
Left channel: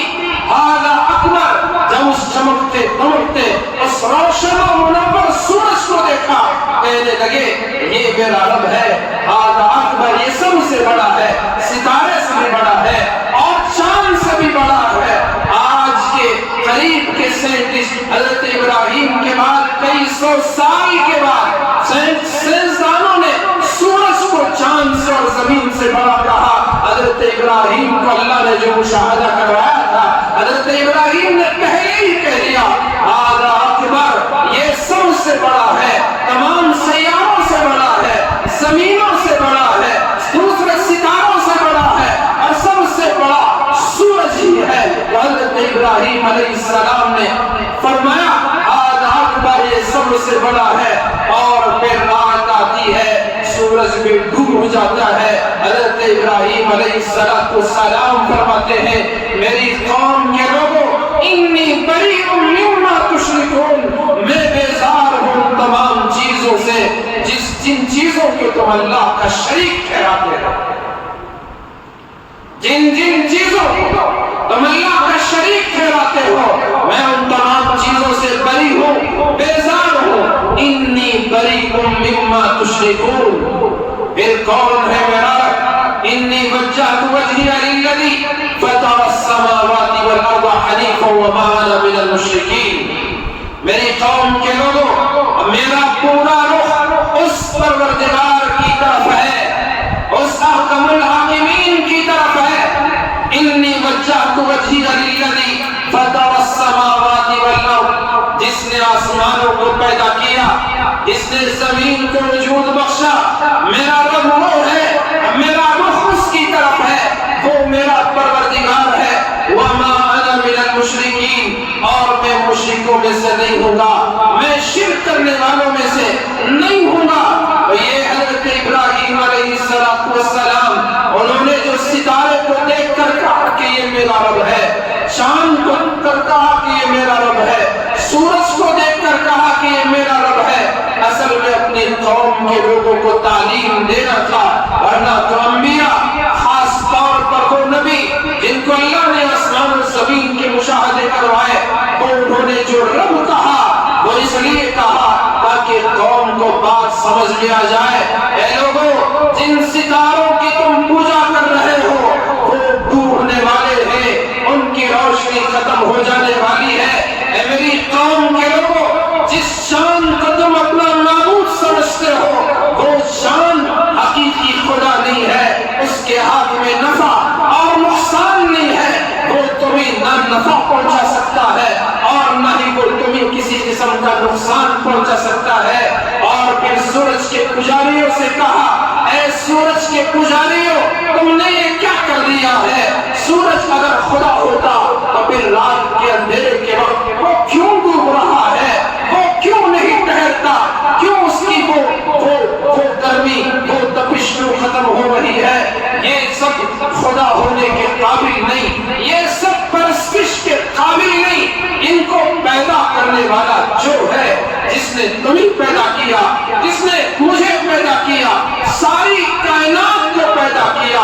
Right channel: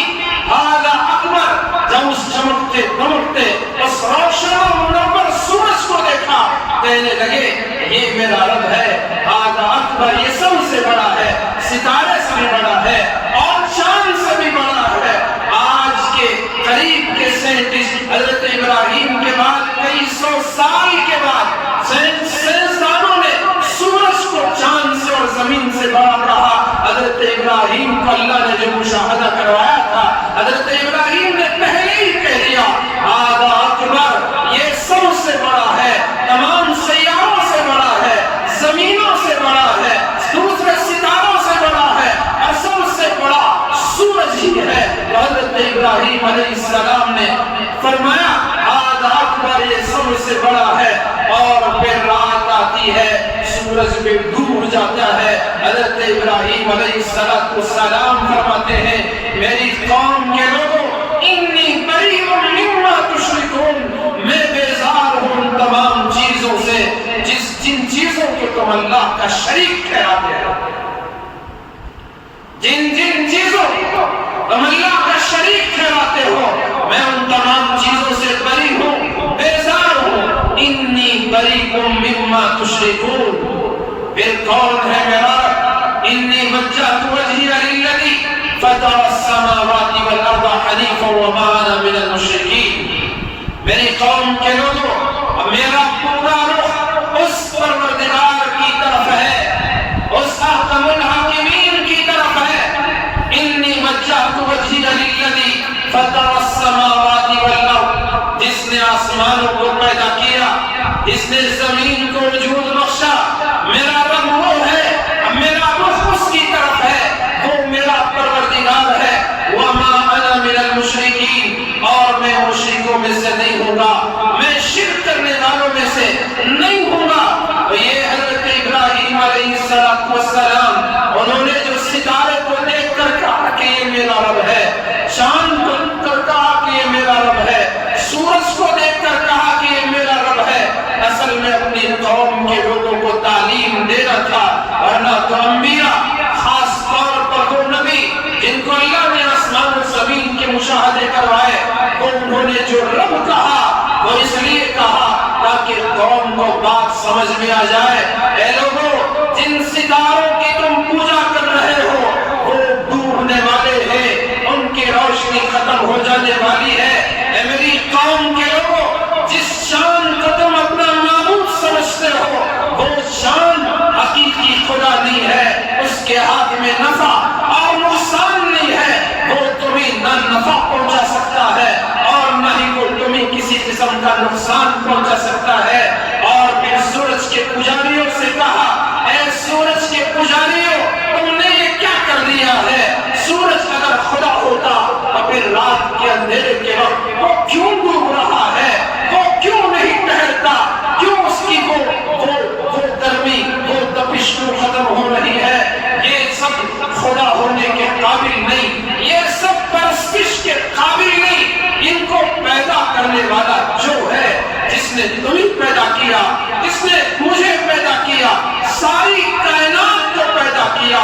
هذا اکبر، جب اس چمکتے دمکتے اس روشن و منور سورج کو دیکھا، کہنے لگے یہ میرا رب ہے، هذا اکبر، یہ سب سے بڑا ہے، ستارے سے بھی بڑا ہے اور چاند سے بھی بڑا ہے۔ آج کے قریب کے سائنٹسٹ حضرت ابراہیم کے بعد کئی سو سال کے بعد سائنسدانوں نے سورج کو چاند سے اور زمین سے بڑا کہا۔ حضرت ابراہیم کو اللہ نے جو مشاہدہ کروایا تھا، حضرت ابراہیم نے پہلے ہی کہہ دیا هذا اکبر، یہ سب سے بڑا ہے، تمام سیاروں سے بڑا ہے، زمینوں سے بڑا ہے، دوسرے ستاروں سے بڑا ہے، اور سب سے بڑا سورج ہی ہے۔ حضرت ابراہیم علیہ السلام نے فرمایا هذا اکبر، یہ سب سے بڑا ہے، اور پھر رات آتی ہے، سورج بھی ڈوب جاتا ہے۔ حضرت ابراہیم علیہ السلام فرماتے ہیں میری قوم کے لوگوں، انی بریء مما تشرکون، میں بیزار ہوں تمام چیزوں سے جن چیزوں کو تم اللہ کا شریک ٹھہراتے ہو، جن چیزوں کو تم اللہ کا شریک ٹھہراتے ہو، میں ان تمام چیزوں سے بری ہوں، بیزار ہوں۔ انی بریء مما تشرکون، پھر کون ہے میرا رب؟ انی وجہت وجہی للذی فطر السماوات والارض حنیفا وما انا من المشرکین، میری قوم کے لوگوں، میرا پورا رخ اس پروردگار کی طرف ہے، اس احکم الحاکمین کی طرف ہے۔ انی وجہت وجہی للذی فطر السماوات والارض، جس نے آسمانوں کو پیدا کیا، جس نے زمین کو وجود بخشا، میرا رب وہ ہے، میرا رخ اس کی طرف ہے، وہ میرا پروردگار ہے۔ وما انا من المشرکین، اور میں مشرکوں میں سے نہیں ہوں گا، میں شرک کرنے والوں میں سے نہیں ہوں گا۔ یہ حضرت ابراہیم علیہ السلام، انہوں نے جو ستارے کو دیکھ کر کہا کہ یہ میرا رب ہے، چاند کو دیکھ کر کہا کہ یہ میرا رب ہے، سورج کو دیکھ کر کہا کہ یہ میرا رب ہے، اصل میں اپنی قوم کے لوگوں کو تعلیم دینا تھا، ورنہ تو انبیاء، خاص طور پر وہ نبی جن کو اللہ نے آسمان و زمین کے مشاہدے کروائے، انہوں نے جو رب کہا وہ اس لیے کہا تاکہ قوم کو بات سمجھ میں آ جائے۔ اے لوگوں، جن ستاروں کی تم پوجا کر رہے ہو وہ ڈوبنے والے ہیں، ان کی روشنی ختم ہو جانے والی ہے۔ اے میری قوم کے لوگوں، جس چاند کو تم اپنا معبود سمجھتے ہو، وہ چاند حقیقی خدا نہیں ہے، اس کے ہاتھ میں نفع اور نقصان نہیں ہے، وہ تمہیں نہ نفع کا نقصان پہنچا سکتا ہے۔ اور پھر سورج کے پجاریوں سے کہا، اے سورج کے پجاریوں، تم نے یہ کیا کر دیا ہے؟ سورج اگر خدا ہوتا تو پھر رات کے اندھیرے کے وقت وہ کیوں ڈوب رہا ہے؟ وہ کیوں نہیں ٹھہرتا؟ کیوں اس کی وہ گرمی، وہ تپش کیوں ختم ہو رہی ہے؟ یہ سب خدا ہونے کے قابل نہیں، یہ سب پرستش کے قابل نہیں۔ ان کو پیدا کرنے والا جو ہے، جس نے تمہیں پیدا کیا، جس نے مجھے پیدا کیا، ساری کائنات کو پیدا کیا،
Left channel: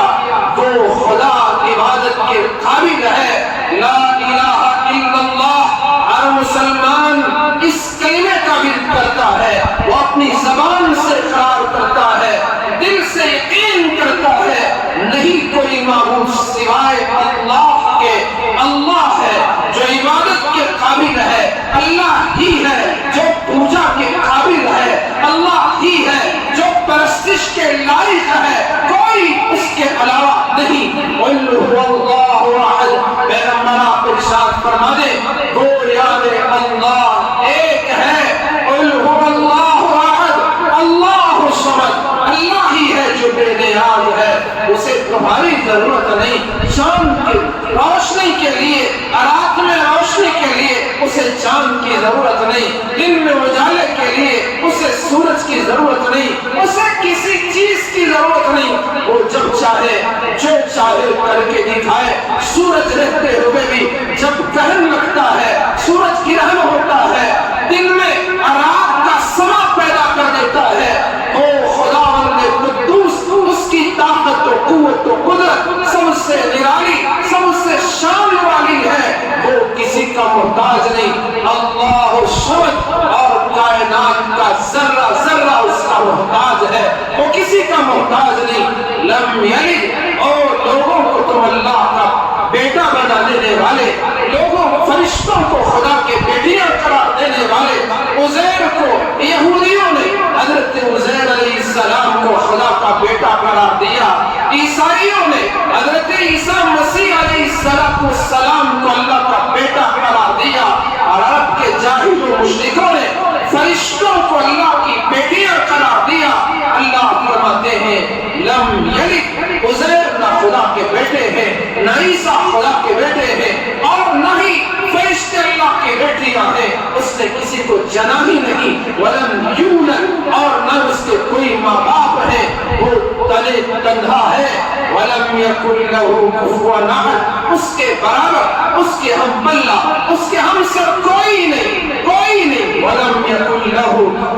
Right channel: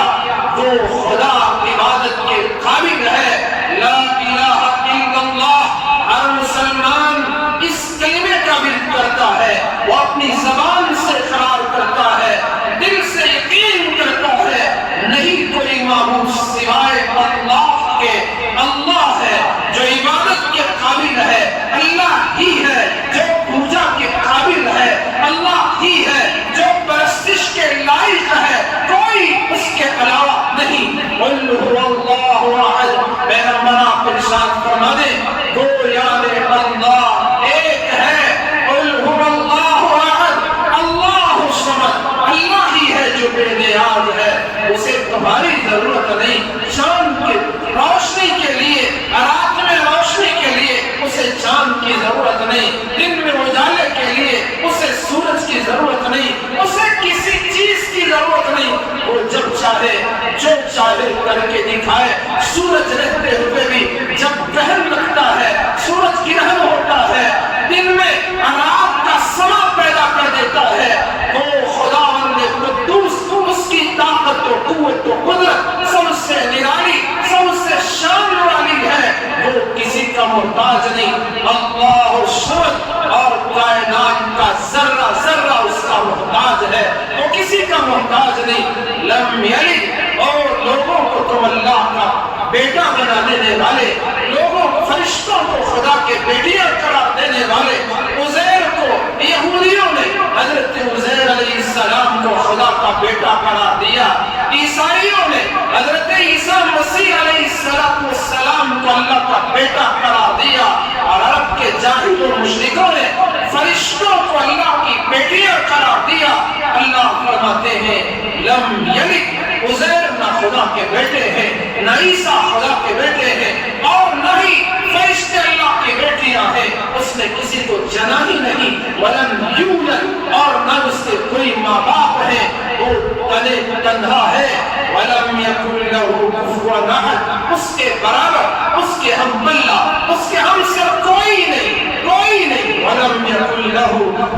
وہ خدا عبادت کے قابل ہے۔ لا الہ الا اللہ۔ ہر مسلمان اس کلمے کا ورد کرتا ہے، وہ اپنی زبان سے اقرار کرتا ہے، دل سے یقین کرتا ہے، نہیں کوئی معبود سوائے اللہ کے۔ اللہ ہے جو عبادت کے قابل ہے، اللہ ہی ہے جو پوجا کے قابل ہے، اللہ ہی ہے جو پرستش کے لائق ہے، کوئی اس کے علاوہ نہیں۔ قل هو اللہ احد۔ پیغمبر آپ ارشاد فرما دیں، وہ یاد اللہ ایک ہے۔ قل هو اللہ احد اللہ الصمد۔ اللہ ہی ہے جو بے نیاز ہے، اسے تمہاری ضرورت نہیں۔ چاند کی روشنی کے لیے، رات میں روشنی کے لیے اسے چاند کی ضرورت نہیں، دن میں اجالے کے لیے اسے سورج کی ضرورت نہیں، اسے کسی چیز کی ضرورت نہیں۔ وہ جب چاہے جو چاہے کر کے دکھائے۔ سورج رہتے ہوئے بھی جب گہن لگتا ہے، سورج گرہن ہوتا ہے، دن میں رات کا سما پیدا کر دیتا ہے، وہ خداوند قدوس، اس کی طاقت و قوت و قدرت سب سے نرالی، سب سے شان والی ہے، وہ کسی کا محتاج نہیں۔ اللہ الصمد، اور کائنات کا ذرہ ذرہ اس کا محتاج ہے، وہ کسی کا محتاج نہیں۔ لم یلد، اور لوگوں کو تم اللہ کا بیٹا بنا دینے والے، لوگوں فرشتوں کو خدا کے بیٹیاں قرار دینے والے، عزیر کو یہودیوں نے حضرت عزیر علیہ السلام کو خدا کا بیٹا قرار دیا، عیسائیوں نے حضرت عیسیٰ مسیح علیہ السلام کو اللہ کا بیٹا قرار دیا، اور عرب کے جاہل و مشرکوں نے فرشتوں کو اللہ کی بیٹیاں قرار دیا۔ اللہ فرماتے ہیں لم یلد، عزیر نہ خدا کے بیٹے ہیں، نہ عیسیٰ خدا کے بیٹے ہیں، اور نہ ہی فرشتے اللہ کی بیٹیاں ہیں، اس نے کسی کو جنا ہی نہیں۔ ولم یولد، اور نہ اس کے کوئی ماں باپ ہیں، وہ تنے تنہا ہے۔ ولم یکن لہ کفوا احد، اس کے برابر، اس کے ہم پلہ، اس کے ہم سر کوئی نہیں، کوئی نہیں۔ ولم یکن لہ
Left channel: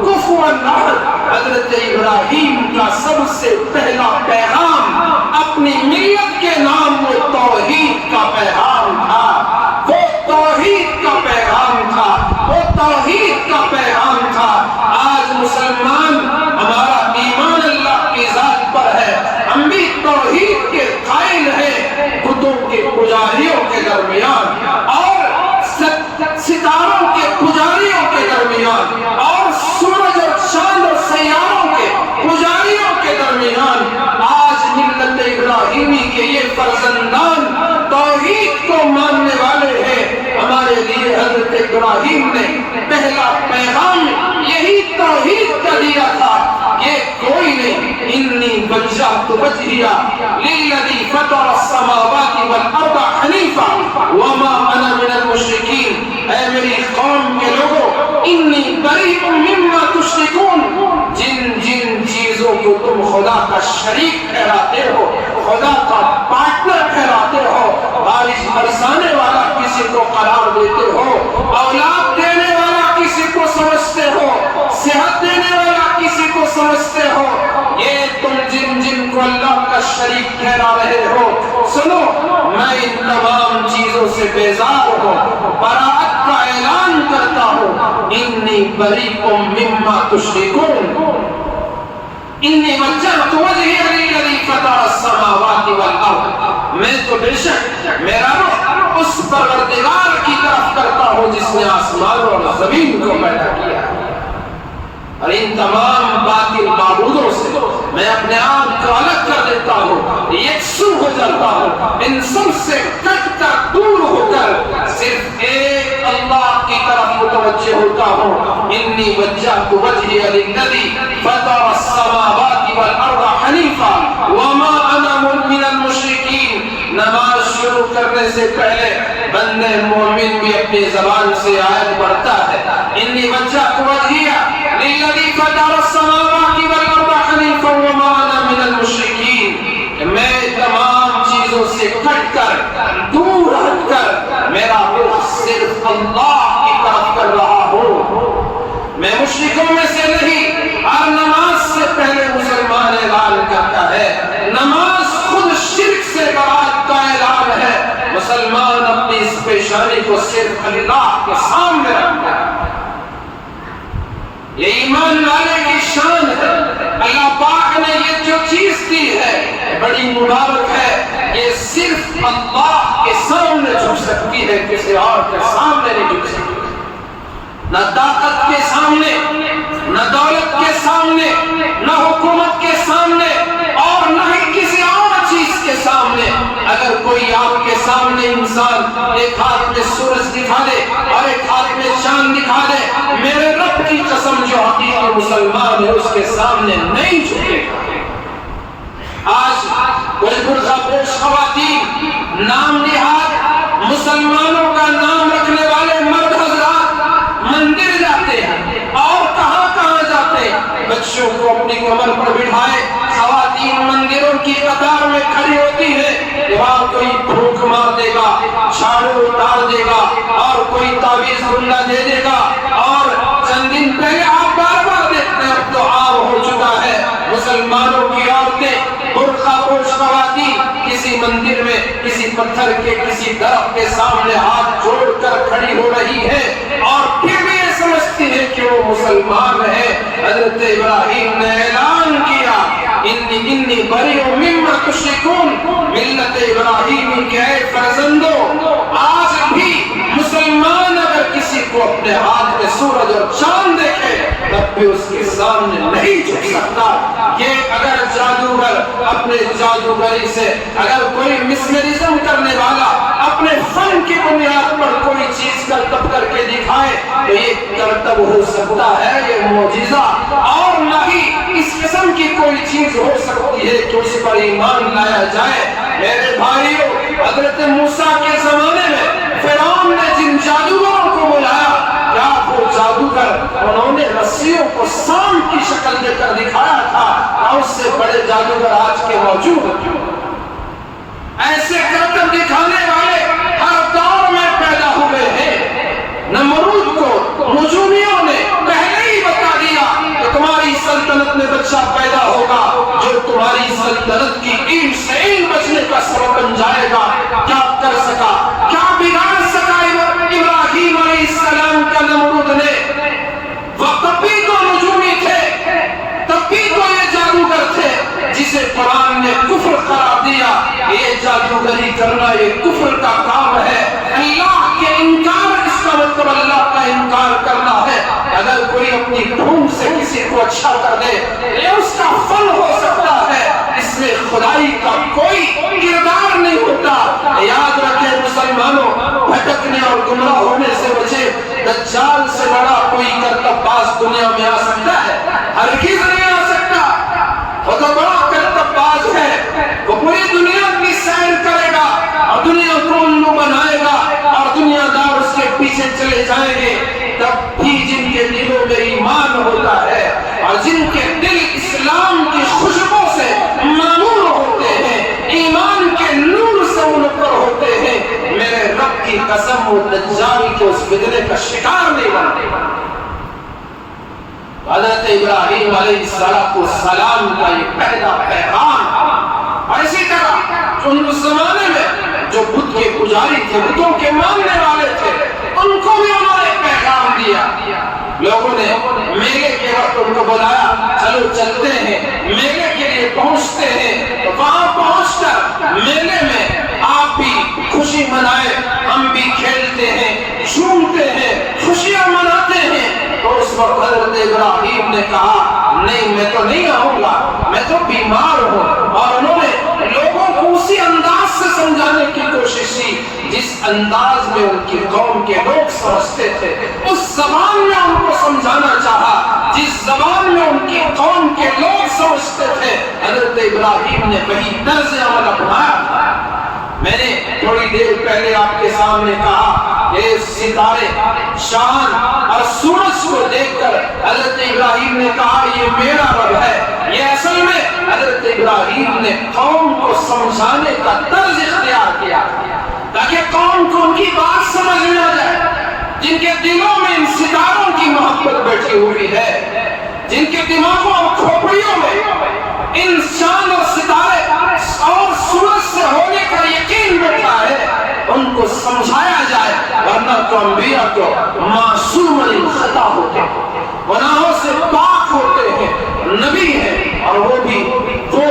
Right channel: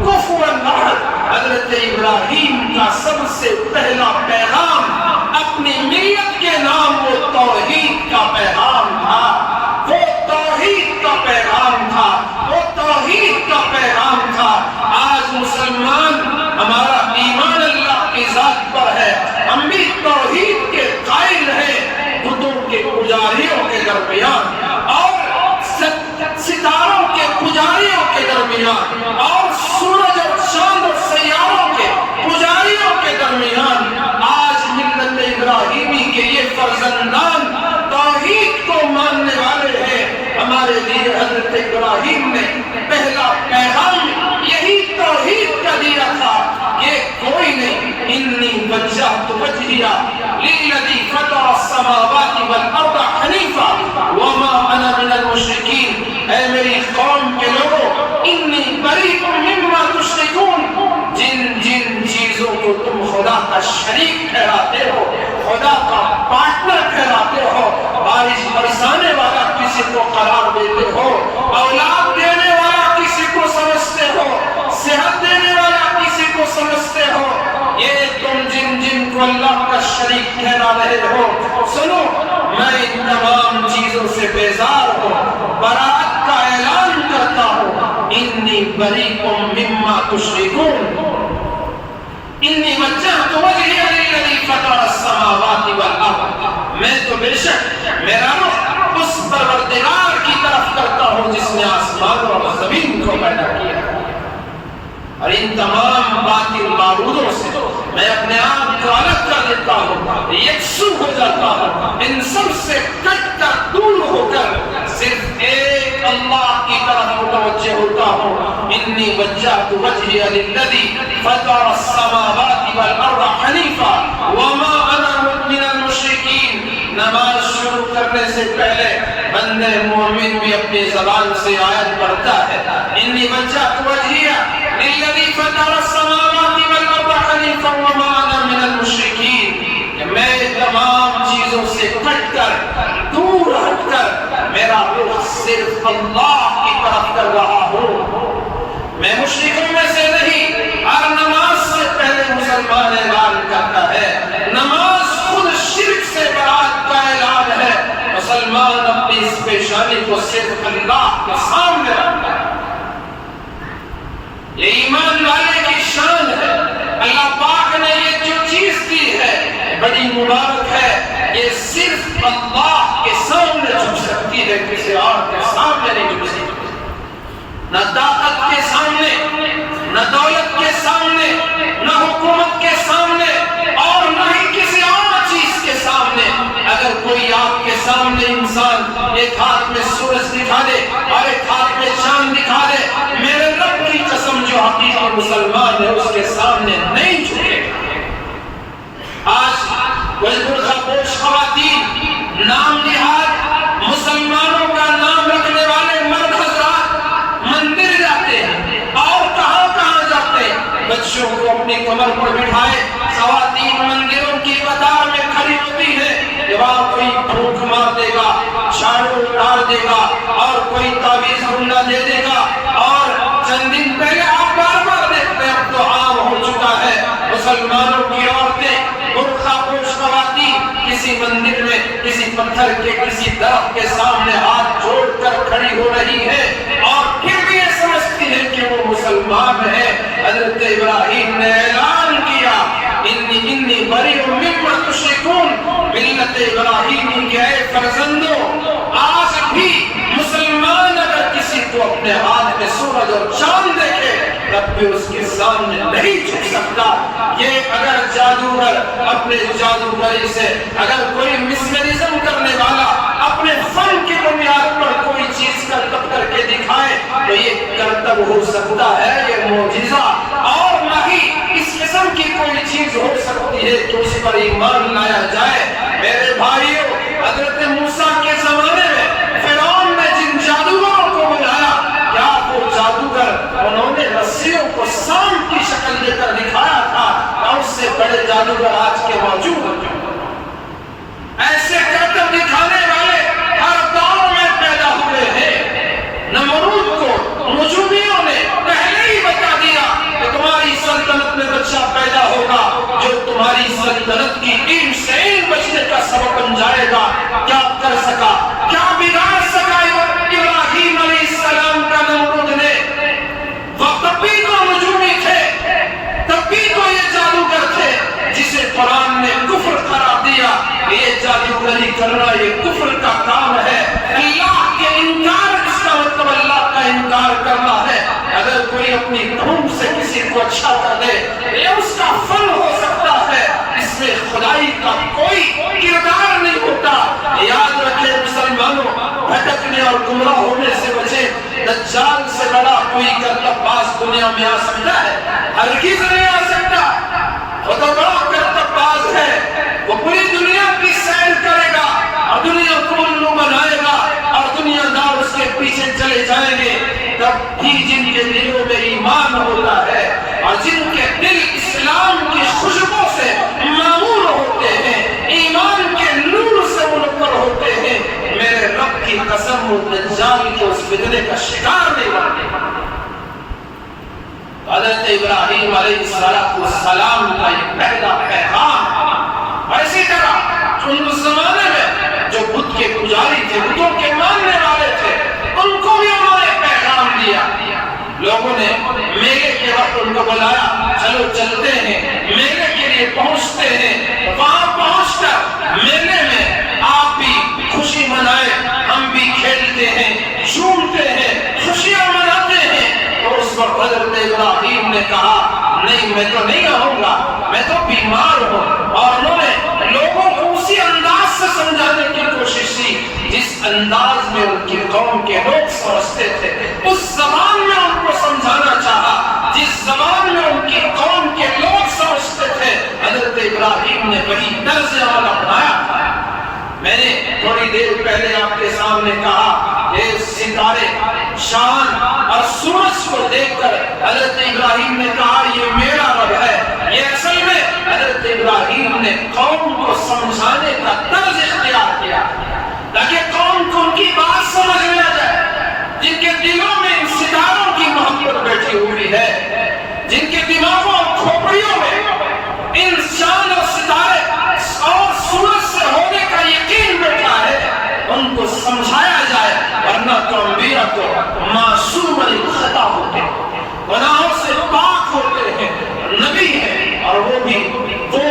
کفوا احد۔ حضرت ابراہیم کا سب سے پہلا پیغام اپنی ملت کے نام وہ توحید کا پیغام تھا، وہ توحید کا پیغام تھا، وہ توحید کا پیغام تھا۔ آج مسلمان، ہمارا ایمان اللہ کی ذات پر ہے، ہم بھی توحید کے قائل ہیں، بتوں کے پجاریوں کے درمیان اور ستاروں کے پجاریوں کے درمیان اور سورج اور چاند اور سیاروں کے پجاریوں کے درمیان آج ملت ابراہیمی کے یہ فرزندان توحید کو ماننے والے ہیں۔ ہمارے لیے حضرت ابراہیم نے پہلا پیغام یہی توحید کا دیا تھا، یہ کوئی نہیں۔ انی وجہت وجہی للذی فطر السماوات والارض حنیفا وما انا من المشرکین۔ اے میری قوم کے لوگوں، انی بریء مما تشرکون، جن جن چیزوں کو تم خدا کا شریک ٹھہراتے ہو، خدا کا پارٹنر ٹھہراتے ہو، بارش برسانے والا کسی کو قرار دیتے ہو، اولاد دینے والا کسی کو سمجھتے ہو، صحت دینے والا کسی کو سمجھتے ہو، یہ تم جن جن کو اللہ کا شریک ٹھہرا رہے ہو، سنو میں ان تمام چیزوں سے بیزار ہوں، براءت کا اعلان کرتا ہوں۔ انی بریء مما تشرکون، انی وجہت وجہی للذی فطر السماوات والارض، میں تو بے شک میرا رخ اس پروردگار کی طرف کرتا ہوں جس نے آسمان اور زمین کو پیدا کیا، اور ان تمام باطل معبودوں سے میں اپنے آپ کو الگ کر دیتا ہوں، یکسو ہو جاتا ہوں، ان سب سے کٹ کر دور ہو کر صرف ایک اللہ کی طرف متوجہ متوجہ ہوتا ہوں انی وجہت وجہی للذی فطر السماوات والارض حنیفا وما انا من المشرکین۔ نماز شروع کرنے سے پہلے بندے مومن بھی اپنی زبان سے آیت پڑھتا ہے انی وجہت وجہی للذی فطر السماوات والارض حنیفا وما انا من المشرکین۔ میں تمام چیزوں سے کٹ کر دور ہٹ کر میرا رخ صرف اللہ کی طرف کر رہا ہوں، میں مشرکوں میں سے نہیں۔ اور نماز سے پہلے مسلمان اعلان کرتا ہے، نماز خود شرک سے برات کا اعلان ہے۔ مسلمان اپنی اس پیشانی کو صرف اللہ کے سامنے رکھتا ہے، یہ ایمان والے کی شان ہے۔ اللہ پاک نے یہ جو چیز دی ہے بڑی مبارک ہے، یہ صرف اللہ کے سامنے جھک سکتی ہے، کسی اور کے سامنے نہیں جھک سکتی۔ نہ طاقت کے سامنے، نہ دولت کے سامنے، نہ حکومت کے سامنے، اور نہ ہی کسی اور چیز کے سامنے۔ اگر کوئی آپ کے سامنے انسان ایک ہاتھ میں سورج دکھا دے اور ایک ہاتھ میں چاند دکھا دے، میرے رب کی قسم جو حقیقی مسلمان ہے اس کے سامنے نہیں جھکے گا۔ آج کوئی برقع پوش خواتین، نام نہاد مسلمانوں کا نام رکھنے والے مرد حضرات مندر جاتے ہیں اور کہاں کہاں جاتے ہیں، بچوں کو اپنی کمر پر بٹھائے خواتین مندروں کی قطار میں کھڑی ہوتی ہے، وہاں کوئی پھونک مار دے گا، جھاڑو اتار دے گا اور کوئی تعویذ گنڈا دے دے گا۔ اور چند دن پہلے آپ بار بار دیکھتے ہیں، اب تو عام ہو چکا ہے، مسلمانوں کی عورتیں برقع پوش خواتین کسی مندر میں کسی پتھر کے کسی درخت کے سامنے ہاتھ جوڑ کر کھڑی ہو رہی ہے اور پھر بھی یہ سمجھتی ہے کہ وہ مسلمان ہے۔ حضرت ابراہیم نے اعلان کیا انی بریء مما تشرکون، ملت ابراہیمی کے اے فرزندوں، آج بھی مسلمان اگر کسی کو اپنے ہاتھ میں سورج اور چاند دیکھے تب بھی اس کے سامنے نہیں جھک سکتا۔ یہ اگر جادوگر اپنے جادوگری سے، اگر کوئی مسمرزم کرنے والا اپنے فن کی بنیاد پر کوئی چیز کرتب کر کے دکھائے تو یہ کرتب ہو سکتا ہے، یہ معجزہ، اور نہ ہی اس قسم کی کوئی چیز ہو سکتی ہے کہ اس پر ایمان لایا جائے۔ میرے بھائیوں، حضرت موسیٰ کے زمانے میں فرعون نے جن جادوگروں کو بلایا، کیا وہ جادوگر انہوں نے رسیوں کو سانپ کی شکل دے کر دکھایا تھا؟ اور اس سے بڑے جادوگر آج کے موجود ہیں۔ ایسے کرتب دکھانے والے ہر دور میں پیدا ہوئے ہیں۔ نمرود کو نجومیوں نے پہلے ہی بتا دیا کہ تمہاری سلطنت میں بچہ پیدا ہوگا جو تمہاری سلطنت کی اینٹ سے اینٹ بچنے کا سبب بن جائے گا۔ کیا کر سکا، کیا بگاڑ سکا ابراہیم علیہ السلام کا نمرود نے؟ وہ تب بھی تو نجومی تھے، تب بھی تو یہ جادوگر تھے جسے قرآن نے کفر قرار دیا۔ یہ جادوگری کرنا یہ کفر کا کام ہے، اللہ کے انکار، اس کا مطلب اللہ کا انکار کرنا ہے۔ اگر کوئی اپنی بھوم سے کسی کو اچھا کر دے یہ اس کا فن ہو سکتا ہے، اس میں خدائی کا کوئی کردار نہیں ہوتا۔ یاد رکھیں مسلمانوں، بھٹکنے اور گمراہ ہونے سے بچے۔ دجال سے بڑا کوئی کرتب باز دنیا میں آ سکتا ہے؟ ہرگز نہیں آ سکتا۔ وہ تو بڑا کرتب باز ہے، وہ پوری دنیا کی سیر کرے گا اور دنیا کو الو بنائے گا اور دنیا دار اس کے پیچھے چلے جائیں گے۔ تب بھی جن کے دلوں میں ایمان ہوتا ہے اور جن کے دل اسلام کی خوشبو سے معمور ہوتے ہیں، ایمان کے نور سے منور ہوتے ہیں، میرے رب کی قسم وہ دجال کو اس فتنے کا شکار نہیں بنتے۔ حضرت ابراہیم علیہ السلام کا یہ پہلا پیغام۔ اسی طرح ان زمانے میں جو بت کے پجاری تھے، بتوں کے ماننے والے تھے، ان کو بھی انہوں نے پیغام دیا۔ لوگوں نے میلے کے وقت ان کو بلایا، چلو چلتے ہیں، میلے کے لیے پہنچتے ہیں۔ وہاں پہنچ کر میلے میں آپ بھی خوشی منائے، ہم بھی کھیلتے ہیں، جھومتے ہیں، خوشیاں مناتے ہیں۔ تو اس وقت حضرت ابراہیم نے کہا نہیں، میں تو نہیں آؤں گا، میں تو بیمار ہوں۔ اور انہوں نے لوگوں کو اسی انداز سے سمجھانے کی کوشش کی جس انداز میں ان کی قوم کے لوگ سمجھتے تھے اس زبان میں ان کو سمجھانا چاہا جس زبان میں ان کی قوم کے لوگ سمجھتے تھے۔ حضرت ابراہیم نے وہی طرز عمل اپنایا۔ میں نے تھوڑی دیر پہلے آپ کے سامنے کہا یہ ستارے شان اور سورج کو دیکھ کر حضرت ابراہیم نے کہا یہ میرا رب ہے۔ یہ اصل میں حضرت ابراہیم نے قوم کو سمجھانے کا طرز اختیار کیا تاکہ قوم کو ان کی بات سمجھ میں آ جائے، جن کے دلوں میں ان ستاروں کی محبت بیٹھی ہوئی ہے، جن کے دماغوں اور کھوپڑیوں میں ان چاند اور ستارے اور سورج سے ہونے کا یقین بیٹھا ہے، ان کو سمجھایا جائے، ورنہ تو انبیاء تو معصوم الخطا ہوتے ہیں، گناہوں سے پاک ہوتے ہیں، نبی ہیں، اور وہ بھی وہ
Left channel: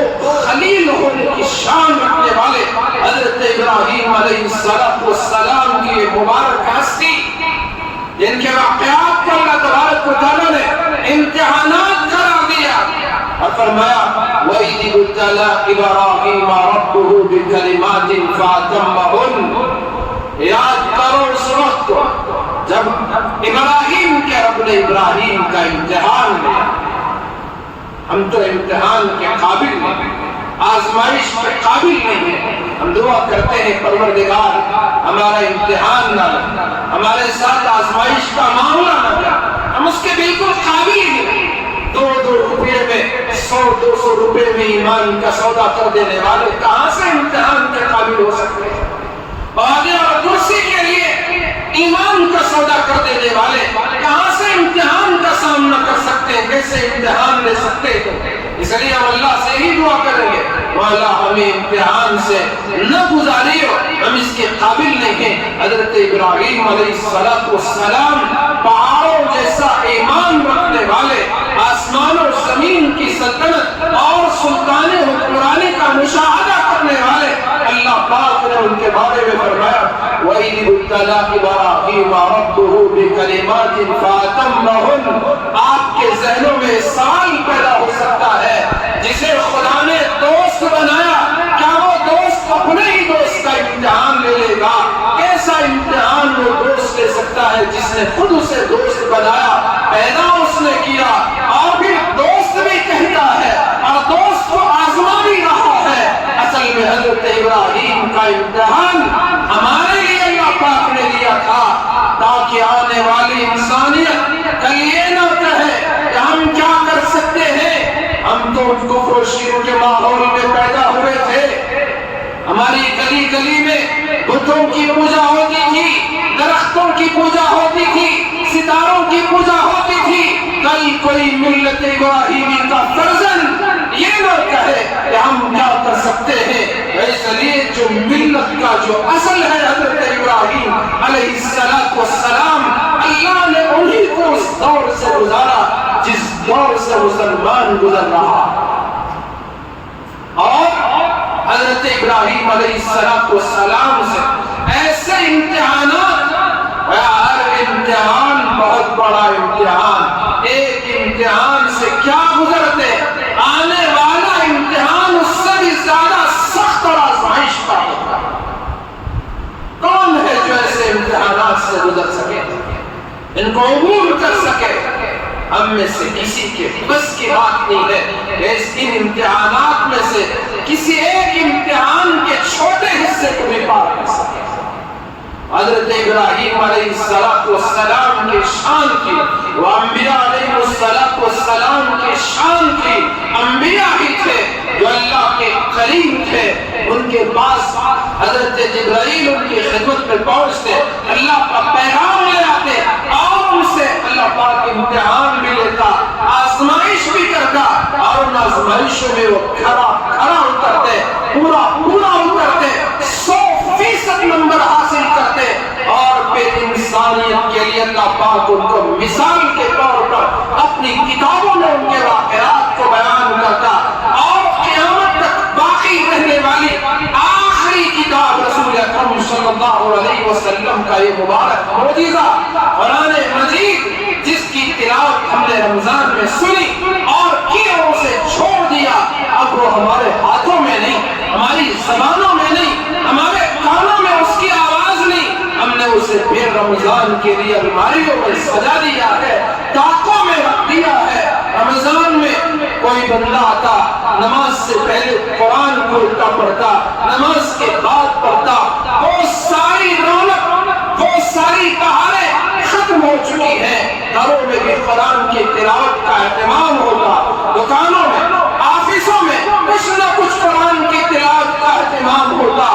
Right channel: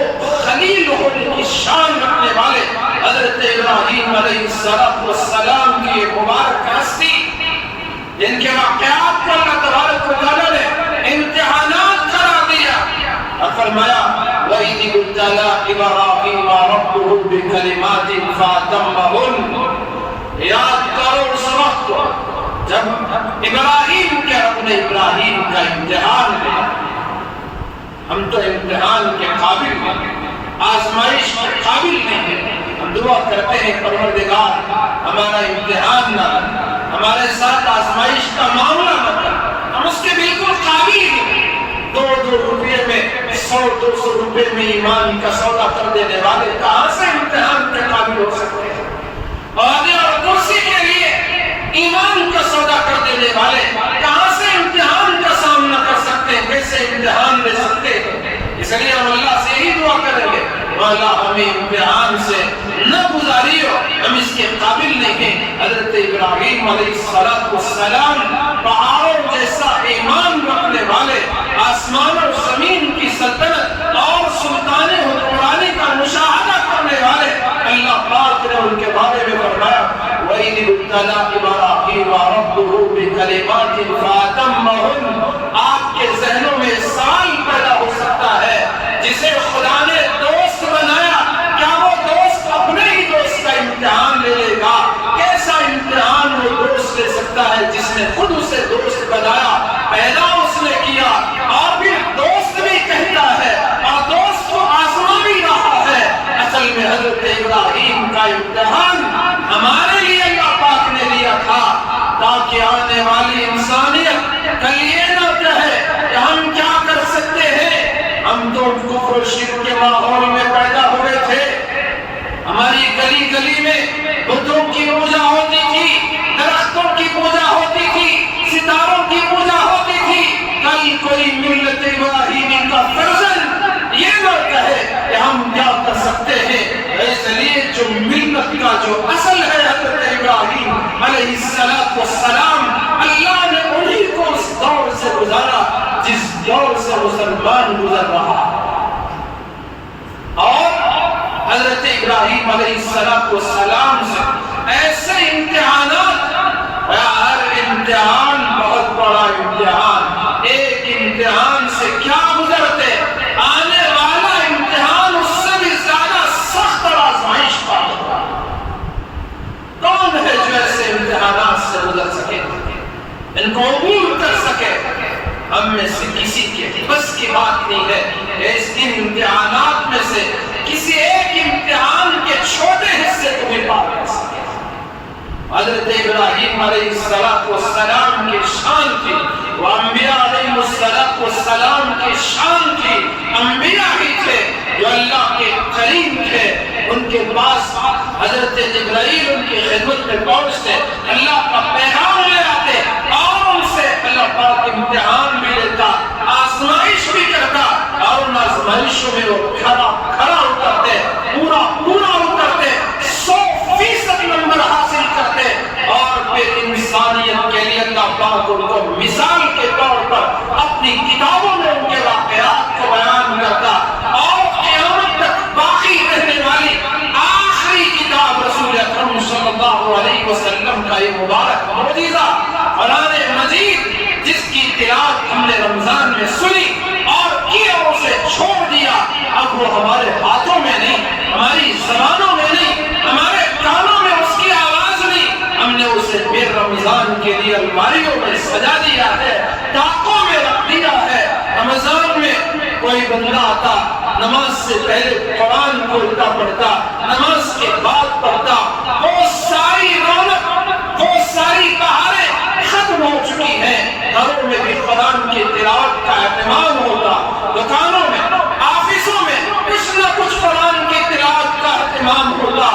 خلیل ہونے کی شان رکھنے والے حضرت ابراہیم علیہ السلام کی ایک مبارک ہستی جن کے واقعات کو اللہ تبارک و تعالیٰ نے امتحانات قرار دیا اور فرمایا وَإِذِ ابْتَلَىٰ إِبْرَاهِيمَ رَبُّهُ بِكَلِمَاتٍ فَأَتَمَّهُنَّ۔ یاد کرو اس وقت جب ابراہیم کے رب نے ابراہیم کا امتحان لیا۔ ہم تو امتحان کے قابل نہیں، آزمائش کے قابل نہیں ہیں۔ ہم دعا کرتے ہیں پروردگار ہمارا امتحان نہ لے، ہمارے ساتھ آزمائش کا معاملہ نہ لے، ہم اس کے بالکل قابل ہی نہیں۔ 2 روپے میں 100-200 روپے میں ایمان کا سودا کر دینے والے کہاں سے امتحان کے قابل ہو سکتے ہیں؟ عہدے اور کرسی کے لیے ایمان کا سودا کر دینے والے کہاں سے امتحان کا سامنا کر سکتے ہیں؟ کیسے امتحان لے سکتے ہیں؟ اس لیے ہم اللہ سے ہی دعا کریں گے مولا ہمیں امتحان سے نہ گزاریو، ہم اس کے قابل نہیں ہیں۔ حضرت ابراہیم علیہ السلام پہاڑوں جیسا ایمان رکھنے والے، آسمان اور زمین کی سلطنت اور سلطان حکمرانی کا مشاہدہ کرنے والے، اللہ پاک نے ان کے بارے میں فرمایا وَإِذِ ابْتَلَىٰ إِبْرَاهِيمَ رَبُّهُ بِكَلِمَاتٍ فَأَتَمَّهُنَّ۔ آپ کے ذہنوں میں سوال پیدا ہو سکتا ہے جسے خدا نے دوست بنایا، کیا وہ دوست اپنے ہی دوست کا امتحان لے لے گا؟ کیسا امتحان وہ دوست لے سکتا ہے جس نے خود اسے دوست بنایا، پیدا اس نے کیا اور پھر دوست بھی کہتا ہے اور دوست کو آزما بھی رہا ہے؟ اصل میں حضرت ابراہیم کا امتحان ہمارے لیے اللہ پاک نے دیا تھا تاکہ آنے والی انسانیت کل یہ نہ کہے کہ ہم کیا کر سکتے ہیں، ہم تو کفر و شرک کے ماحول میں پیدا ہوئے تھے، ہماری گلی گلی میں بتوں کی پوجا ہوتی تھی، درختوں کی پوجا ہوتی تھی، ستاروں کی پوجا ہوتی تھی۔ کل کوئی ملت ابراہیمی کا فرزند یہ نہ کہے کہ ہم کیا کر سکتے ہیں۔ اس لیے جو ملت کا جو اصل ہے حضرت ابراہیم علیہ السلام، اللہ نے انہی کو اس دور سے گزارا جس دور سے مسلمان گزر رہا، اور حضرت ابراہیم علیہ السلام سے ایسے امتحانات، ہر امتحان بہت بڑا امتحان، ایک امتحان سے کیا گزرتے، آنے والا امتحان اس سے بھی زیادہ سخت اور آزمائش کا ہوگا۔ کون ہے جو ایسے امتحانات سے گزر سکے، ان کو عبور کر سکے؟ ہم میں سے کسی کے بس کی بات نہیں ہے اس ان امتحانات میں سے کسی ایک امتحان کے چھوٹے حصے کو بھی پار کر سکے۔ حضرت ابراہیم علیہ السلام کی شان تھی، وہ انبیاء علیہ السلام کی شان تھی، انبیاء ہی تھے جو اللہ کے کریم تھے، ان کے پاس حضرت جبرائیل ان کی خدمت میں پہنچتے، اللہ کا پیغام لے آتے اور ان سے اللہ پاک امتحان بھی لیتا، آزمائش بھی کرتا، اور ان آزمائشوں میں وہ کھرا اترتے، پورا اترتے، 100% نمبر حاصل کرتے، اور پھر انسانیت کے لیے اللہ پاک ان کو مثال کے طور پر اپنی کتابوں میں ان کے واقعات کو بیان کرتا، اور قیامت تک باقی رہنے والی آخری کتاب رسول اکرم صلی اللہ علیہ وسلم کا یہ مبارک معجزہ قرآن مجید، جس کی تلاوت ہم نے رمضان میں سنی اور کی اور اسے چھوڑ دیا، اب وہ ہمارے ہاتھوں میں نہیں، ہماری زبانوں میں نہیں، ہمارے کانوں میں اس کی آواز اسے پھر رمضان کے لیے الماریوں میں سجا دیا ہے، طاقوں میں رکھ دیا ہے۔ رمضان میں کوئی بندہ آتا، نماز سے پہلے قرآن کو الٹا پڑھتا، نماز کے بعد پڑھتا، وہ ساری رونق، وہ ساری بہاریں ختم ہو چکی ہیں۔ گھروں میں بھی قرآن کی تلاوت کا اہتمام ہوتا، دکانوں میں، آفسوں میں کچھ نہ کچھ قرآن کی تلاوت کا اہتمام ہوتا،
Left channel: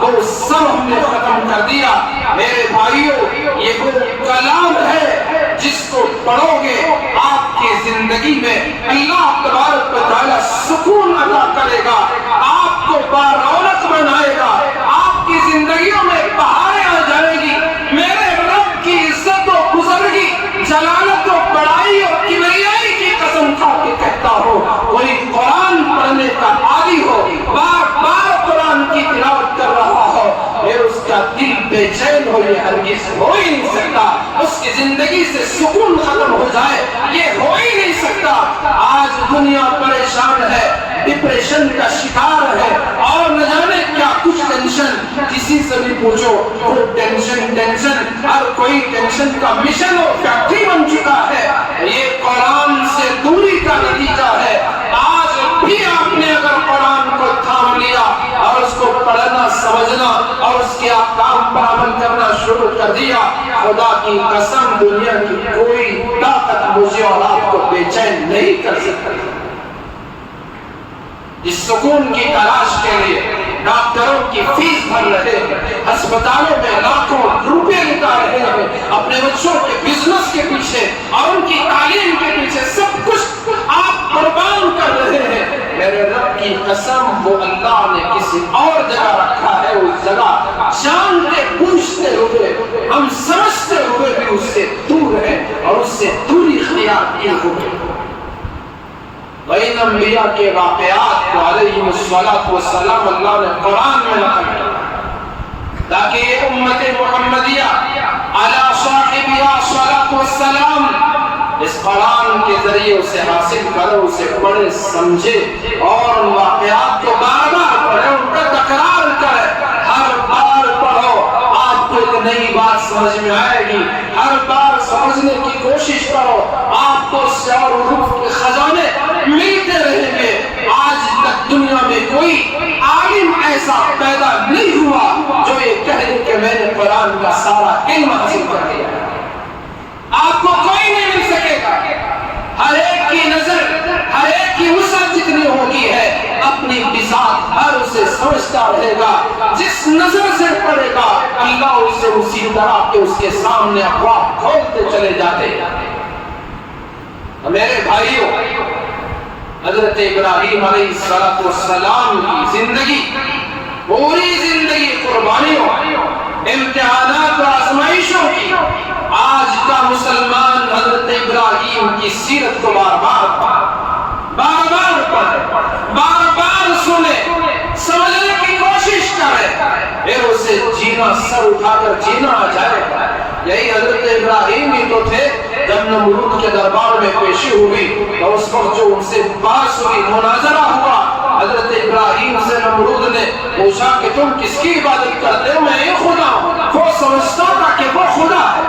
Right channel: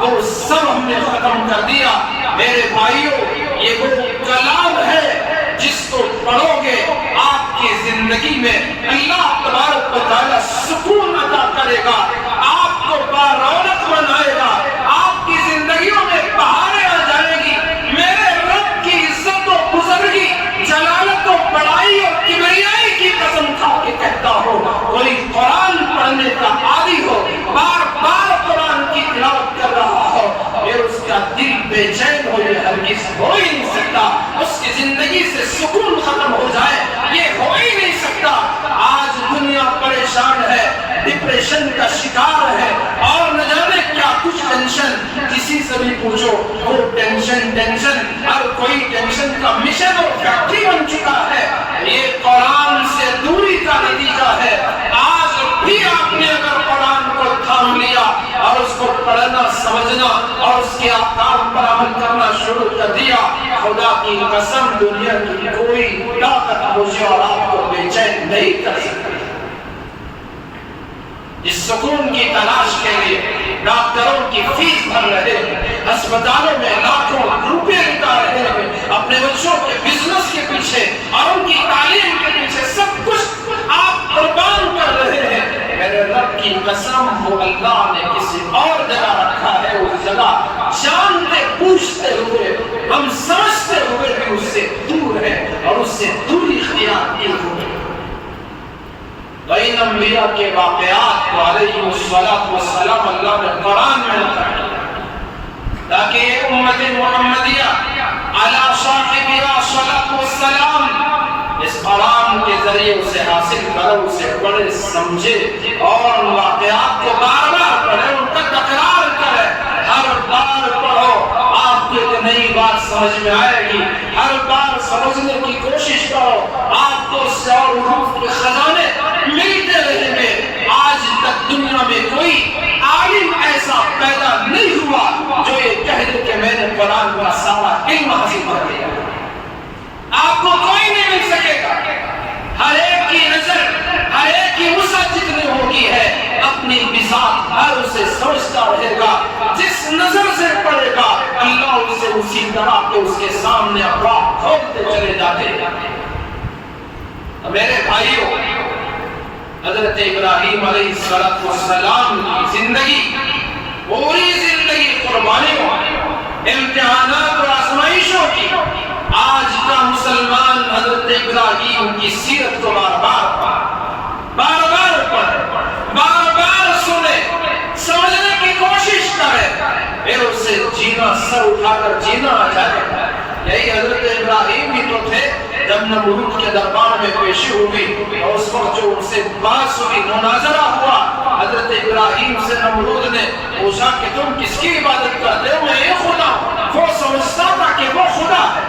وہ سب ہم نے ختم کر دیا۔ میرے بھائیوں، یہ وہ کلام ہے جس کو پڑھو گے آپ کی زندگی میں اللہ تبارک و تعالیٰ سکون عطا کرے گا، آپ کو بارونق بنائے گا، آپ کی زندگیوں میں بہاریں آ جائیں گی۔ میرے رب کی عزت و بزرگی، جلالت و بڑائی اور کبریائی کی قسم کھا کے کہتا ہوں، کوئی قرآن پڑھنے کا عادی ہو، بار بار قرآن کی تلاوت کر رہا ہو، پھر اس کا دل بے چین ہو، یہ ہرگز ہو ہی نہیں سکتا۔ اس کی زندگی سے سکون ختم ہو جائے، یہ ہو ہی نہیں سکتا۔ آج دنیا پریشان ہے، ڈپریشن کا شکار ہے، اور نہ جانے کیا کچھ ٹینشن، کسی سے بھی پوچھو وہ ٹینشن، ہر کوئی ٹینشن کا مشن اور فیکٹری بن چکا ہے۔ یہ قرآن سے دوری کا نتیجہ ہے۔ آج بھی آپ نے اگر قرآن کو تھام لیا اور اس کو پڑھنا سمجھنا اور اس کے احکام پر عمل کرنا شروع کر دیا، خدا کی قسم دنیا کی کوئی طاقت مجھے اور آپ کو بے چین نہیں کر سکتی۔ جس سکون کی تلاش کے لیے ڈاکٹروں کی فیس بھر رہے ہیں، ہسپتالوں میں لاکھوں روپے لٹا رہے ہیں، اپنے بچوں کے بزنس کے پیچھے اور ان کی تعلیم کے پیچھے سب کچھ آپ قربان کر رہے ہیں، میرے رب کی قسم وہ اللہ نے کسی اور جگہ رکھا ہے، اس جگہ جانتے بوجھتے ہوئے، ہم سمجھتے ہوئے بھی اس سے دور ہے اور اس سے دوری اختیار کیے ہوئے۔ بین انبیاء کے واقعات کو علیہ السلام اللہ نے قرآن میں نقل کیا تاکہ یہ امت محمدیہ علی صاحبہا صلاۃ والسلام اس قرآن کے ذریعے اسے حاصل کرے، اسے پڑھے سمجھے اور ان واقعات کو بار بار پڑھے، ان کا تکرار کرے۔ ہر بار پڑھو آپ کو ایک نئی بات سمجھ میں آئے گی، ہر بار سمجھنے کی کوشش کرو، آپ کو اس سے اور روح کے خزانے ملتے رہیں گے۔ آج تک دنیا میں کوئی عالم ایسا پیدا نہیں ہوا جو یہ کہہ دے کہ میں نے قرآن کا سارا علم حاصل کر لیا۔ آپ کو کوئی نہیں مل سکے گا۔ ہر ایک کی نظر، ہر ایک کی وسعت جتنی ہوگی ہے، اپنی بساط ہر اسے سمجھتا رہے گا۔ جس نظر سے پڑھے گا اللہ اسے اسی طرح کے اس کے سامنے ابواب کھولتے چلے جاتے ہیں۔ میرے بھائیوں، حضرت ابراہیم علیہ السلام کی زندگی، پوری زندگی قربانیوں، امتحانات اور آزمائشوں کی۔ آج کا مسلمان حضرت ابراہیم کی سیرت کو بار بار سنے، سمجھنے کی کوشش کرے، پھر اسے جینا، سر اٹھا کر جینا آ جائے۔ یہی حضرت ابراہیم ہی تو تھے جب نمرود کے دربار میں پیشی ہوئی اور اس وقت جو ان سے بحث ہوئی، مناظرہ ہوا، حضرت ابراہیم سے نمرود نے پوچھا کہ تم کس کی عبادت کرتے ہو؟ میں یہ خدا ہوں۔ وہ سمجھتا تھا کہ وہ خدا ہے،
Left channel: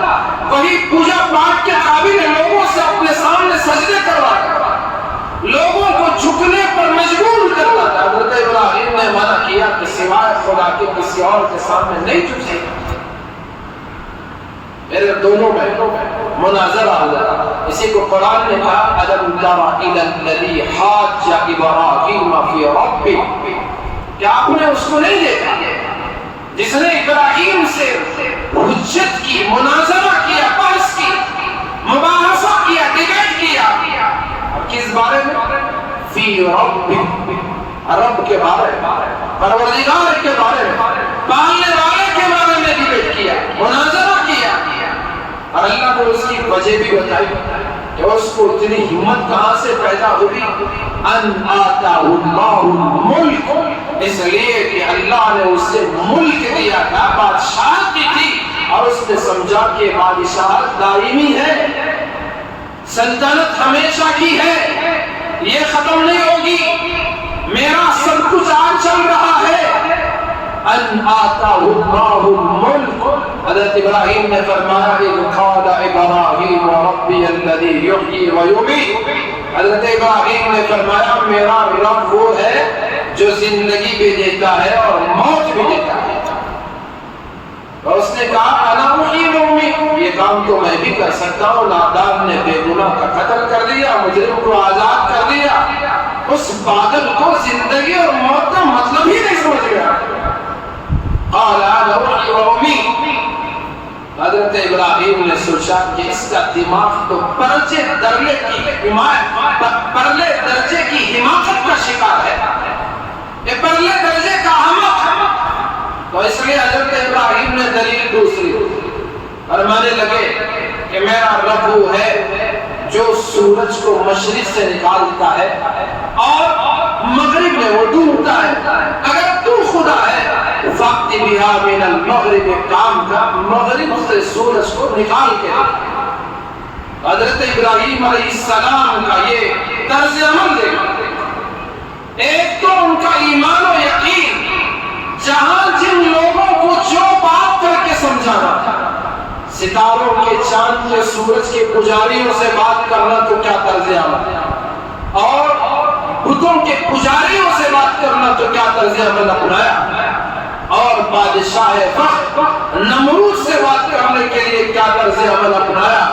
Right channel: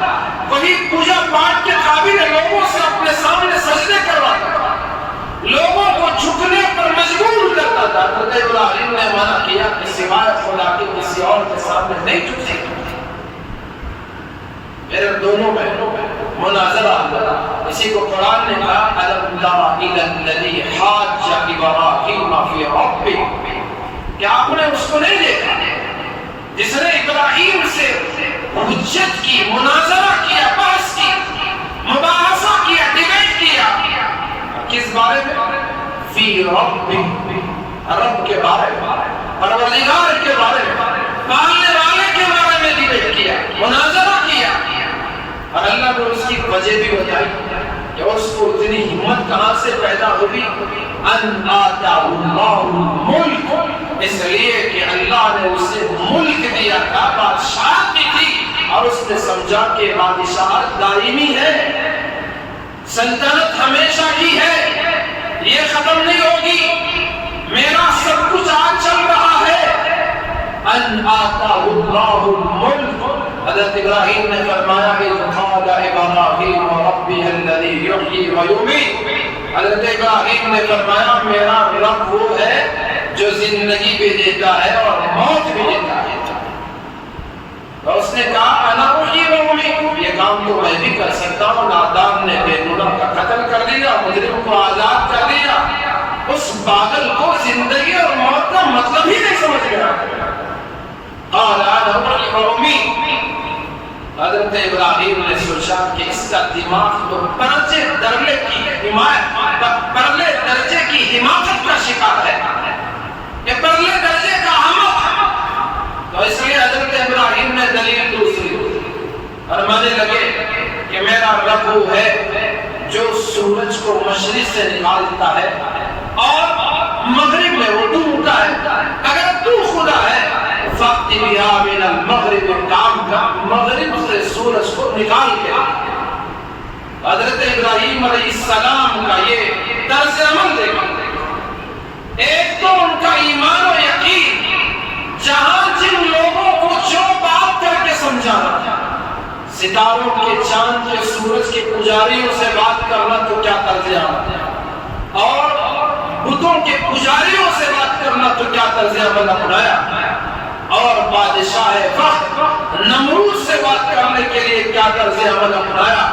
وہی پوجا پاٹ کے قابل ہے، لوگوں سے اپنے سامنے سجدے کرواتا، لوگوں کو جھکنے پر مجبور کرتا تھا۔ حضرت ابراہیم نے منع کیا کہ سوائے خدا کے کسی اور کے سامنے نہیں جھک سکتا۔ میرے دونوں میں مناظرہ ہوا، اسی کو قرآن نے کہا أَلَمْ تَرَ إِلَى الَّذِي حَاجَّ إِبْرَاهِيمَ فِي رَبِّهِ، کیا آپ نے اس کو نہیں دیکھا جس نے ابراہیم سے حجت کی، مناظرہ کیا، بحث کی، مباحثہ کیا، ڈیبیٹ کیا، کس بارے میں؟ فی رب، رب کے بارے میں، پروردگار کے بارے میں، پالنے والے کے بارے میں ڈیبیٹ کیا، مناظرہ کیا، اور اللہ نے اس کی وجہ بھی بتائی کہ اس کو اتنی ہمت کہاں سے پیدا ہوئی۔ ان آتاہ اللہ الملک، اس لیے کہ اللہ نے اسے ملک دیا تھا، بادشاہت بھی تھی، اور اس نے سمجھا کہ بادشاہت دائمی ہے، سلطنت ہمیشہ کی ہے، یہ ختم نہیں ہوگی، میرا سب کچھ آج چل رہا ہے۔ ان آتاہ اللہ الملک، حضرت ابراہیم نے فرمایا اذ قال ابراہیم ربی الذی یحیی و یمیت، حضرت ابراہیم نے فرمایا میرا رب وہ ہے جو زندگی بھی دیتا ہے اور موت بھی دیتا ہے۔ اور اس نے کہا انا احیی و امیت، یہ کام تو میں بھی کر سکتا ہوں۔ نادان نے بے گناہ کا قتل کر دیا، مجرم کو آزاد کر دیا، اس پاگل کو زندگی اور موت کا مطلب ہی نہیں سمجھ گیا۔ قال انا احیی و امیت، حضرت ابراہیم نے سوچا کہ اس کا دماغ تو پرلے درجے کی حماقت کا شکار ہے، یہ پرلے درجے کا احمق ہے۔ تو اس لیے حضرت ابراہیم نے دلیل دوسری فرمانے لگے کہ میرا رب وہ ہے جو سورج کو مشرق سے نکالتا ہے اور مغرب میں وہ ڈوبتا ہے۔ اگر تو خدا ہے فَأْتِ بِهَا مِنَ الْمَغْرِبِ، کام کا مغرب سے سورج کو نکال کے لا۔ حضرت ابراہیم علیہ السلام کا یہ طرز عمل دیکھا، ایک تو ان کا ایمان و یقین، جہاں جن لوگوں کو جو بات کر کے سمجھانا تھا، ستاروں کے، چاند کے، سورج کے پجاریوں سے بات کرنا تو کیا طرز عمل، اور بتوں کے پجاریوں سے بات کرنا تو کیا طرز عمل اپنایا، اور بادشاہ وقت نمرود سے بات کرنے کے لیے کیا طرز عمل اپنایا۔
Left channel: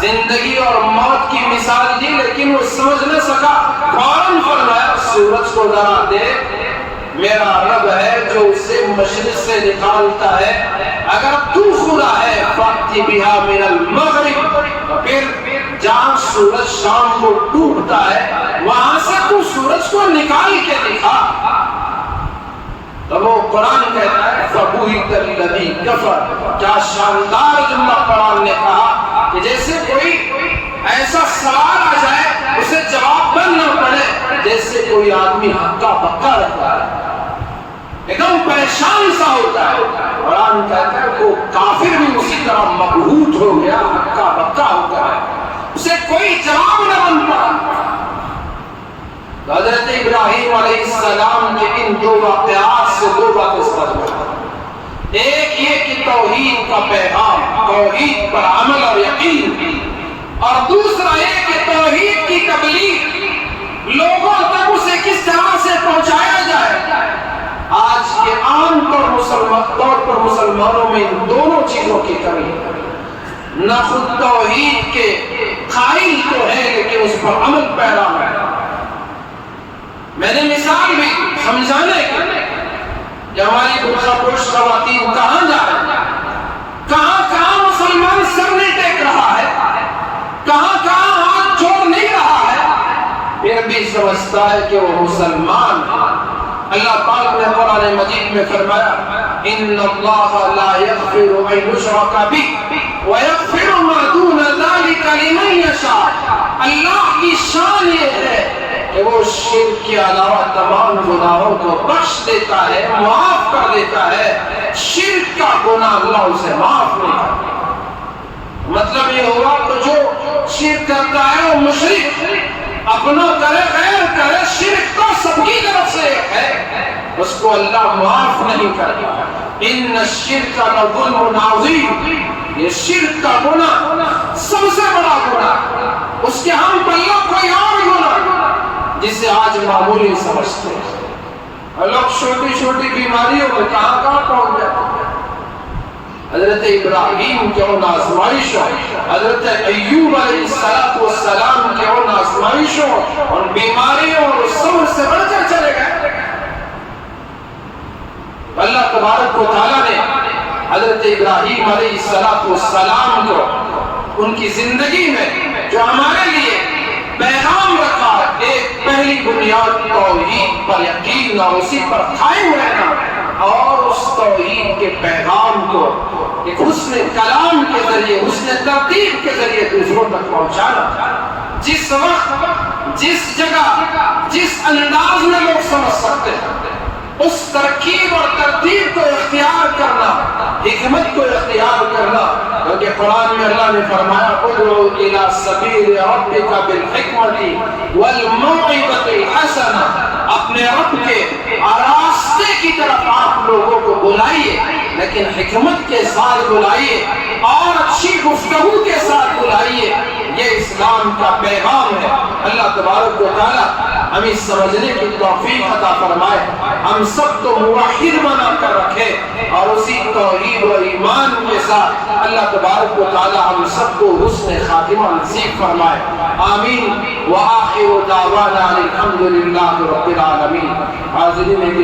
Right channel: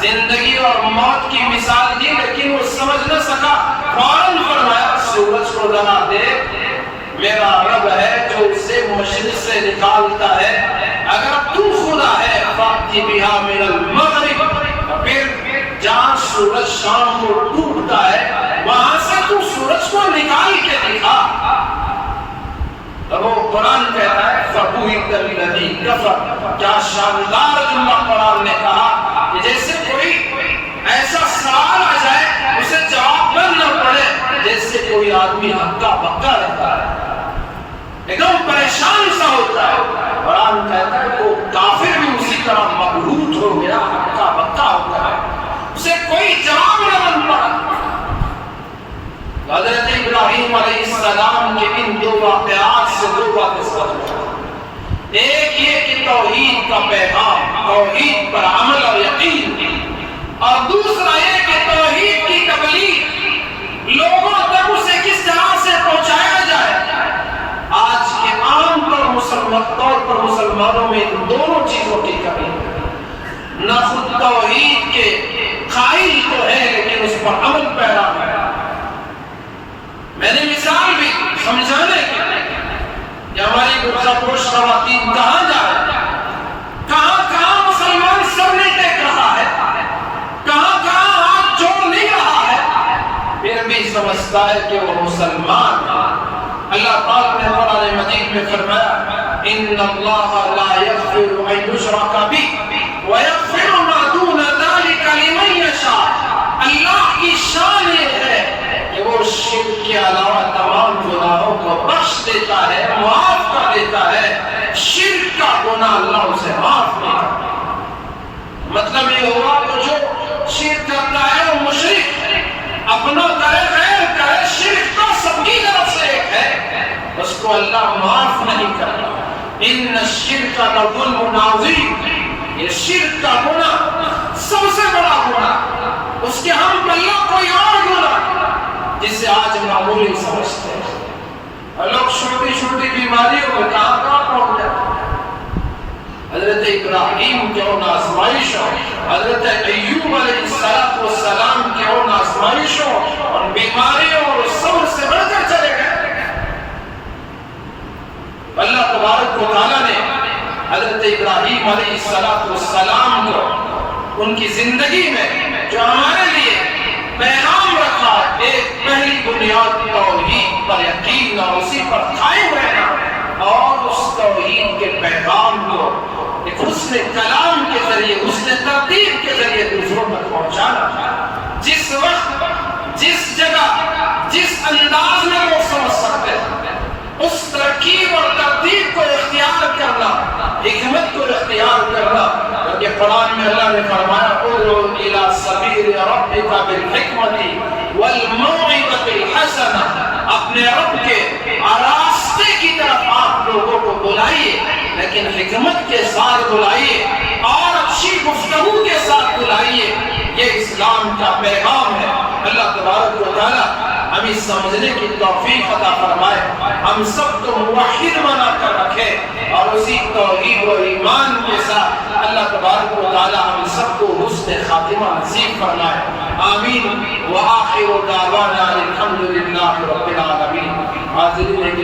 زندگی اور موت کی مثال دی لیکن وہ سمجھ نہ سکا، فوراً فرمایا سورج کو ذرا دے، میرا رب ہے جو اسے مشرق سے نکالتا ہے، اگر تو خدا ہے فَأْتِ بِهَا مِنَ الْمَغْرِبِ، پھر جہاں سورج شام کو ڈوبتا ہے وہاں سے تو سورج کو نکال کے دکھا۔ تب وہ قرآن کہتا ہے فَبُهِتَ الَّذِي كَفَرَ، کیا شاندار جملہ قرآن نے کہا کہ جیسے کوئی ایسا سوال آ جائے اسے جواب نہ پڑے، جیسے کوئی آدمی ہکا بکا رہتا ہے، ایک دم پریشان سا ہوتا ہے۔ قرآن کہتا ہے وہ کافر بھی اسی طرح مبہوت ہو گیا، ہکا بکا ہو گیا، اسے کوئی جواب نہ بن پڑا۔ حضرت ابراہیم علیہ السلام کے ان دو واقعات سے دو باتیں سمجھ میں، ایک یہ کہ توحید کا پیغام، توحید پر عمل اور یقین، اور دوسرا یہ کہ توحید کی تبلیغ لوگوں تک اسے کس طرح سے پہنچایا جائے۔ آج کے عام طور پر مسلمانوں میں ان دونوں چیزوں کی کمی ہے، نہ خود توحید کے قائل تو ہے لیکن اس پر عمل پیرا ہے۔ میں نے مثال بھی سمجھانے کے کہ ہماری بڑھا پروش خواتین کہاں جا رہے ہیں، کہاں مسلمان سر نہیں ٹیک رہا ہے، کہاں ہاتھ چھوڑ نہیں رہا ہے، پھر بھی سمجھتا ہے کہ وہ مسلمان ہے۔ اللہ پاک نے قرآن مجید میں فرمایا ان اللہ لا یغفر ان یشرک بہ ویغفر ما دون ذلک لمن یشاء، اللہ کی شان یہ ہے کہ وہ شرک کے علاوہ تمام گناہوں کو بخش دیتا ہے، معاف کر دیتا ہے، شرک کا گناہ اللہ اسے معاف نہیں کرتا۔ مطلب یہ ہوا تو جو شرک کرتا ہے وہ مشرک، اپنا کرے غیر کرے، شرک تو سب کی طرف سے ایک ہے، اس کو اللہ معاف نہیں کرتا۔ ان الشرک لظلم عظیم، یہ شرک کا گناہ سب سے بڑا گناہ، اس کے ہم پلوں کوئی اور گناہ جسے آج معمولی سمجھتے ہیں، لوگ چھوٹی چھوٹی بیماریوں میں کہاں پہنچ جاتے ہیں۔ حضرت ابراہیم کے ان آزمائشوں، حضرت ایوب علیہ السلام کے ان آزمائشوں اور بیماریوں اور صبر سے بڑھ کر چلے گئے۔ اللہ تبارک و تعالیٰ نے حضرت ابراہیم علیہ السلام کو ان کی زندگی میں جو ہمارے لیے پیغام رکھا، ایک پہلی بنیاد توحید پر یقین اور اسی پر قائم رہنا، اور اس توحید کے پیغام کو ایک حسن کلام کے ذریعے، حسن ترتیب کے ذریعے دوسروں تک پہنچانا۔ جس وقت، جس جگہ، جس انداز میں لوگ سمجھ سکتے ہیں اس ترکیب اور ترتیب کو اختیار کرنا، حکمت کو اختیار کرنا، کیونکہ قرآن میں اللہ نے فرمایا ادعو الی سبیل ربک بالحکمت والموعظۃ الحسنہ، اپنے رب کے راستے کی طرف آپ لوگوں کو بلائیے، لیکن حکمت کے ساتھ بلائیے اور اچھی گفتگو کے ساتھ بلائیے. یہ اسلام کا پیغام ہے. اللہ تبارک و تعالی ہمیں سمجھنے کی توفیق عطا فرمائے. ہم سب کو موحد بنا کر رکھے اور اسی توحید و ایمان کے ساتھ اللہ تبارک و تعالی ہم سب کو حسن خاتمہ نصیب فرمائے. آمین. وآخر دعوانا الحمد للہ رب العالمین. حاضرین